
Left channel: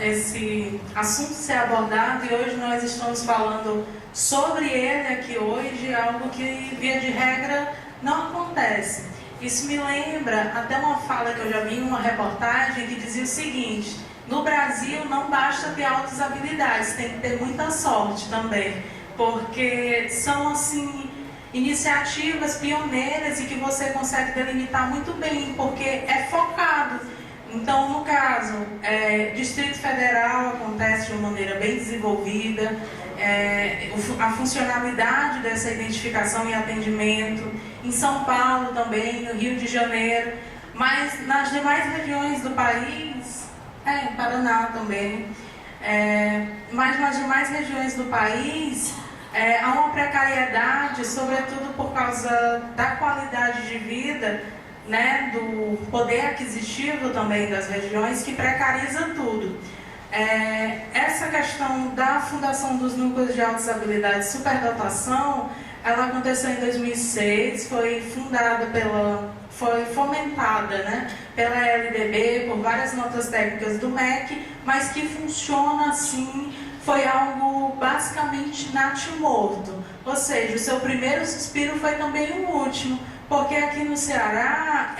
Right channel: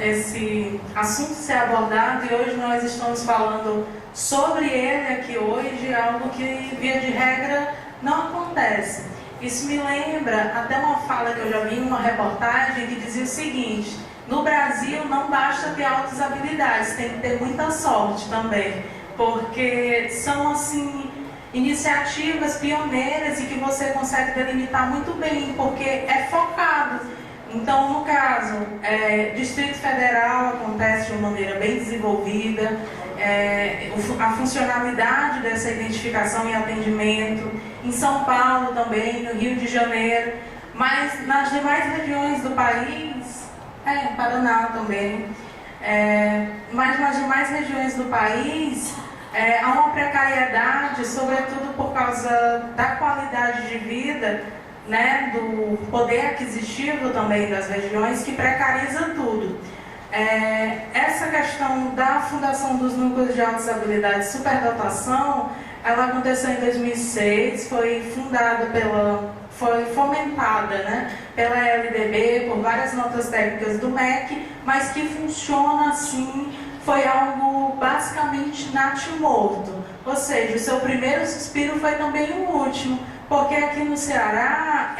esse assunto ser abordado, e hoje nós estamos falando sobre ele aqui hoje, algo que via de regra não acontece. Isso me lembra até uma fala que eu já vi em uma reportagem que dizia o seguinte: no Brasil não basta ter altas habilidades, tem que ter muita sorte também, porque são assim iniciativas pioneiras e que você consegue delimitar muito bem, porque é focado. Então, no caso, Distrito Federal acontece de uma maneira bem desenvolvida, a funcionalidade dessa identificação e atendimento, em São Paulo também, no Rio de Janeiro, mas nas demais regiões do país, Paraná também, mas nas demais regiões do país, há uma precariedade, sobretudo por causa da qualidade de vida, né, do poder aquisitivo também das regiões, que precariza tudo. Essa questão da fundação dos núcleos de altas habilidades superdotação, ela aconteceu em 2006, foi fomentada, né, pela LDB, por várias notas técnicas do MEC, mas que funciona assim, foi algo basicamente natimorto, ou seja, o seu primeiro suspiro foi também o último, porque aqui no Ceará,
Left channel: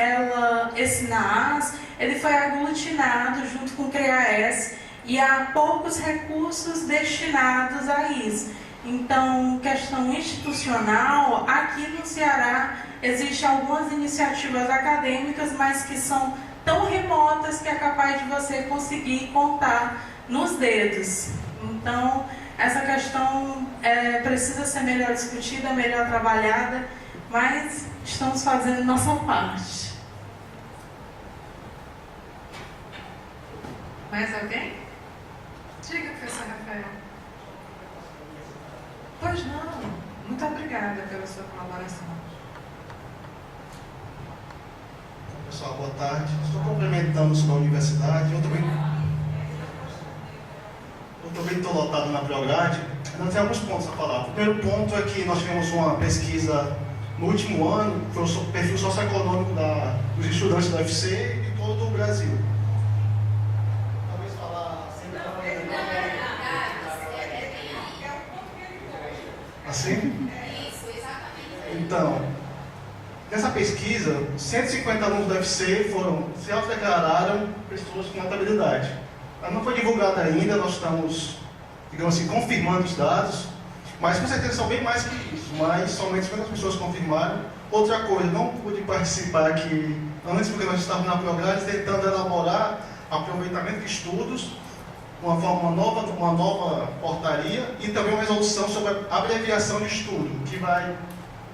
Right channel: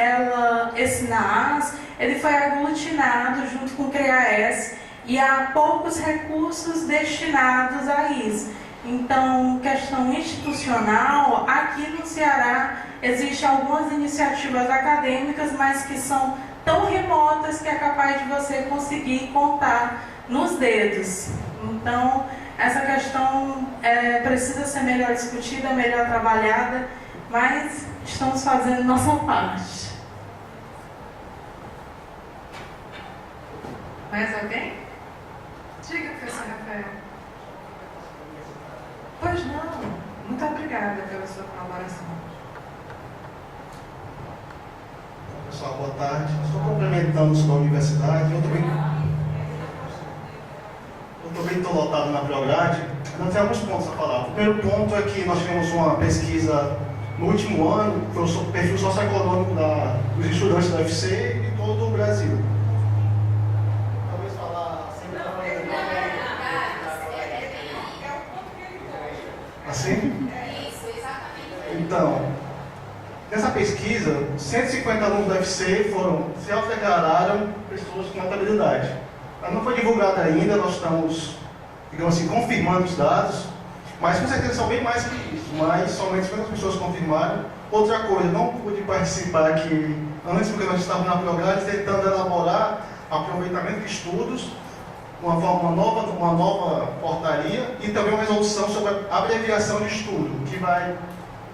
esse NAAS, ele foi aglutinado junto com o CREAS e há poucos recursos destinados a isso. Então, questão institucional, aqui no Ceará existem algumas iniciativas acadêmicas, mas que são tão remotas que é capaz de você conseguir contar nos dedos. Então, essa questão precisa ser melhor discutida, melhor trabalhada, mas estamos fazendo nossa parte. Mais alguém? Diga, professor Rafael. Pois não. Muito obrigada pela sua colaboração. Pessoal, boa tarde. Só complementamos com a universidade. Eu também estou lotado na Priograde. Ainda tem alguns pontos a falar. O primeiro ponto é que nós tivemos uma pesquisa no último ano, foi o perfil socioeconômico dos estudantes da UFC e de todo o Brasil. Talvez falar assim? Isso, exatamente. Então, nessa pesquisa, 150 alunos da UFC se autodeclararam pessoas com alta habilidade. Ela não foi divulgada ainda, nós estamos, digamos assim, confirmando os dados, mas com certeza são bem mais que isso, mas somente 50 pessoas confirmaram. Outra coisa, não pude participar aqui antes, porque nós estávamos na Prograde tentando elaborar aproveitamento de estudos, uma nova portaria e também uma resolução sobre a abreviação de estudo, que vai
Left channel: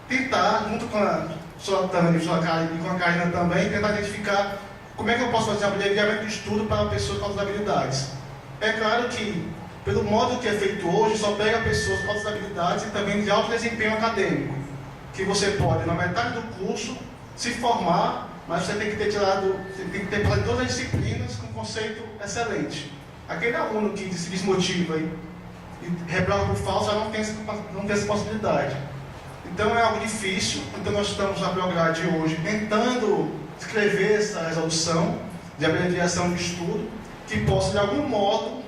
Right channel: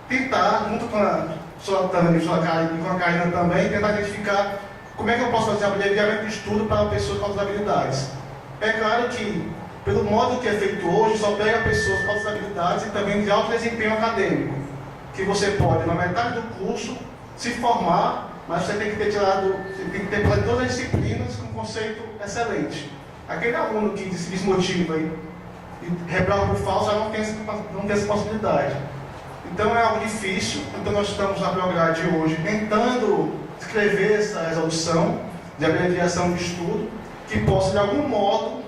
tentar, junto com a sua Tânia e com a Karina também, tentar identificar como é que eu posso fazer abreviamento de estudo para pessoas com altas habilidades. É claro que, pelo modo que é feito hoje, só pega pessoas com altas habilidades e também de alto desempenho acadêmico, que você pode, na metade do curso, se formar, mas você tem que ter todas as disciplinas com conceito excelente. Aquele aluno que se desmotiva e reprova por falso já não tem essa possibilidade. Então é algo difícil, então nós estamos na Prograde hoje tentando escrever essa resolução de abreviação de estudo que possa de algum modo,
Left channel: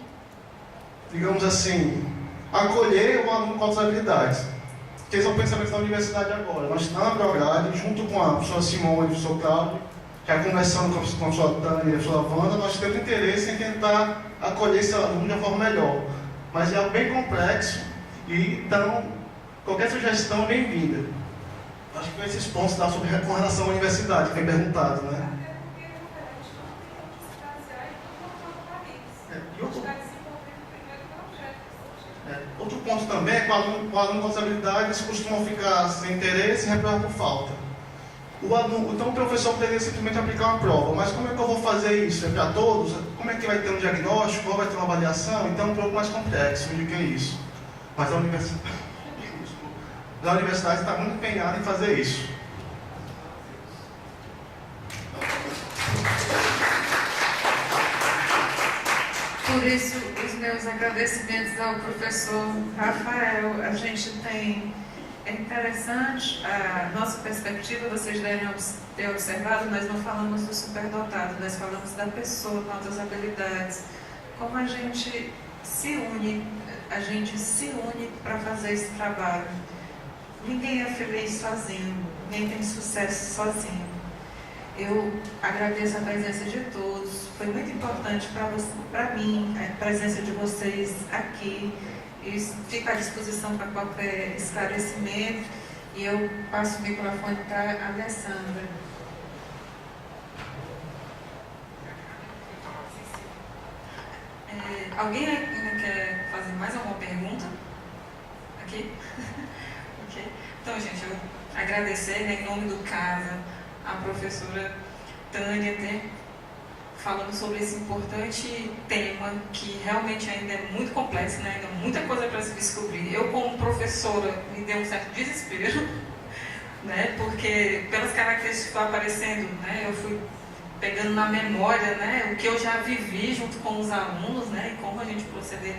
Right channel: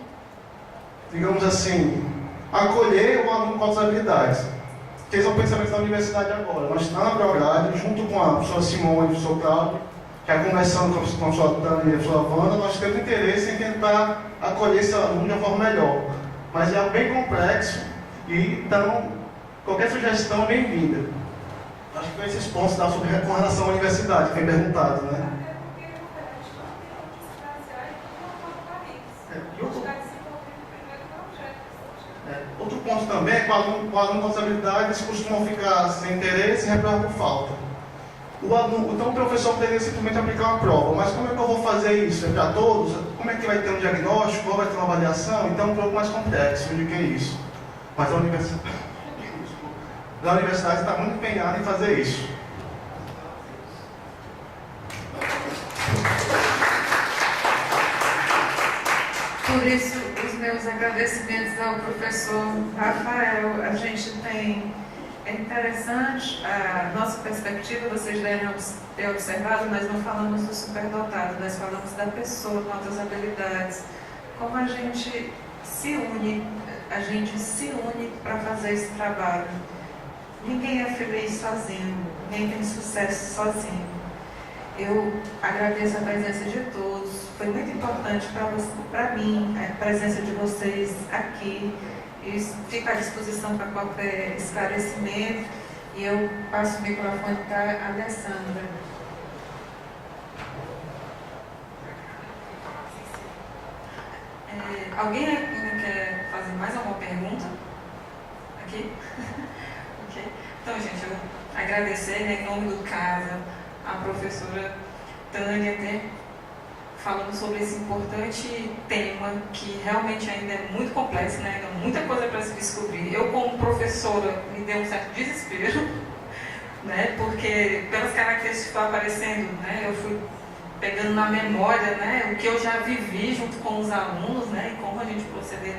digamos assim, acolher o aluno com altas habilidades. Que esse é o pensamento da universidade agora. Nós estamos na Prograde, junto com a professora Simone e o professor Cláudio, já conversando com a professora Tânia e a professora Wanda, nós temos interesse em tentar acolher esse aluno de uma forma melhor. Mas é algo bem complexo e então qualquer sugestão é bem-vinda. Acho que foi esses pontos com relação à universidade, que foi perguntado, né? Outro ponto também é que o aluno com as habilidades costumam ficar sem interesse e reprovar por falta. Então o professor poderia simplesmente aplicar uma prova, mas como é que eu vou fazer isso? É para todos? Como é que vai ter um diagnóstico? Qual vai ter uma avaliação? Então é um pouco mais complexo do que isso. Mas a universidade está muito empenhada em fazer isso. Por isso, os meus agradecimentos ao professor Rafael. A gente tem, é interessante a nossa perspectiva, vocês devem ter observado, nós não falamos do superdotado, nós falamos da pessoa com altas habilidades. Como a gente se une para fazer esse trabalho. Ninguém é feliz sozinho, ninguém tem sucesso sozinho. Eu agradeço a presença de todos, foi muito importante para mim a presença de vocês aqui. E fico à disposição para qualquer esclarecimento. E eu passo o microfone para a Alessandra. Alguém ainda quer fazer mais alguma pergunta? Aqui? Ok. Então, gente, eu agradecer, né, em nome do CASA, a professora Tânia, né, falando sobre esse importante tema que realmente ainda é muito complexo, né, ainda muita coisa para se descobrir. Eu, como professora, me deu um certo desespero, né, porque pelas características que estão aparecendo, né, eu fui pegando na memória, né, o que eu já vivi junto com os alunos, né, e como a gente proceder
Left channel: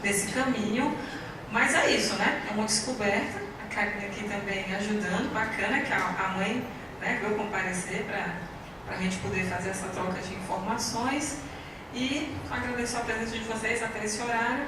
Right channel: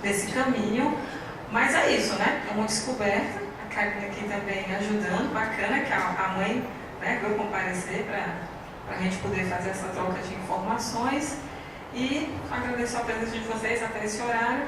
nesse caminho. Mas é isso, né, é uma descoberta. A Karina aqui também ajudando, bacana que a mãe, né, veio comparecer para a gente poder fazer essa troca de informações. E agradeço a presença de vocês até esse horário.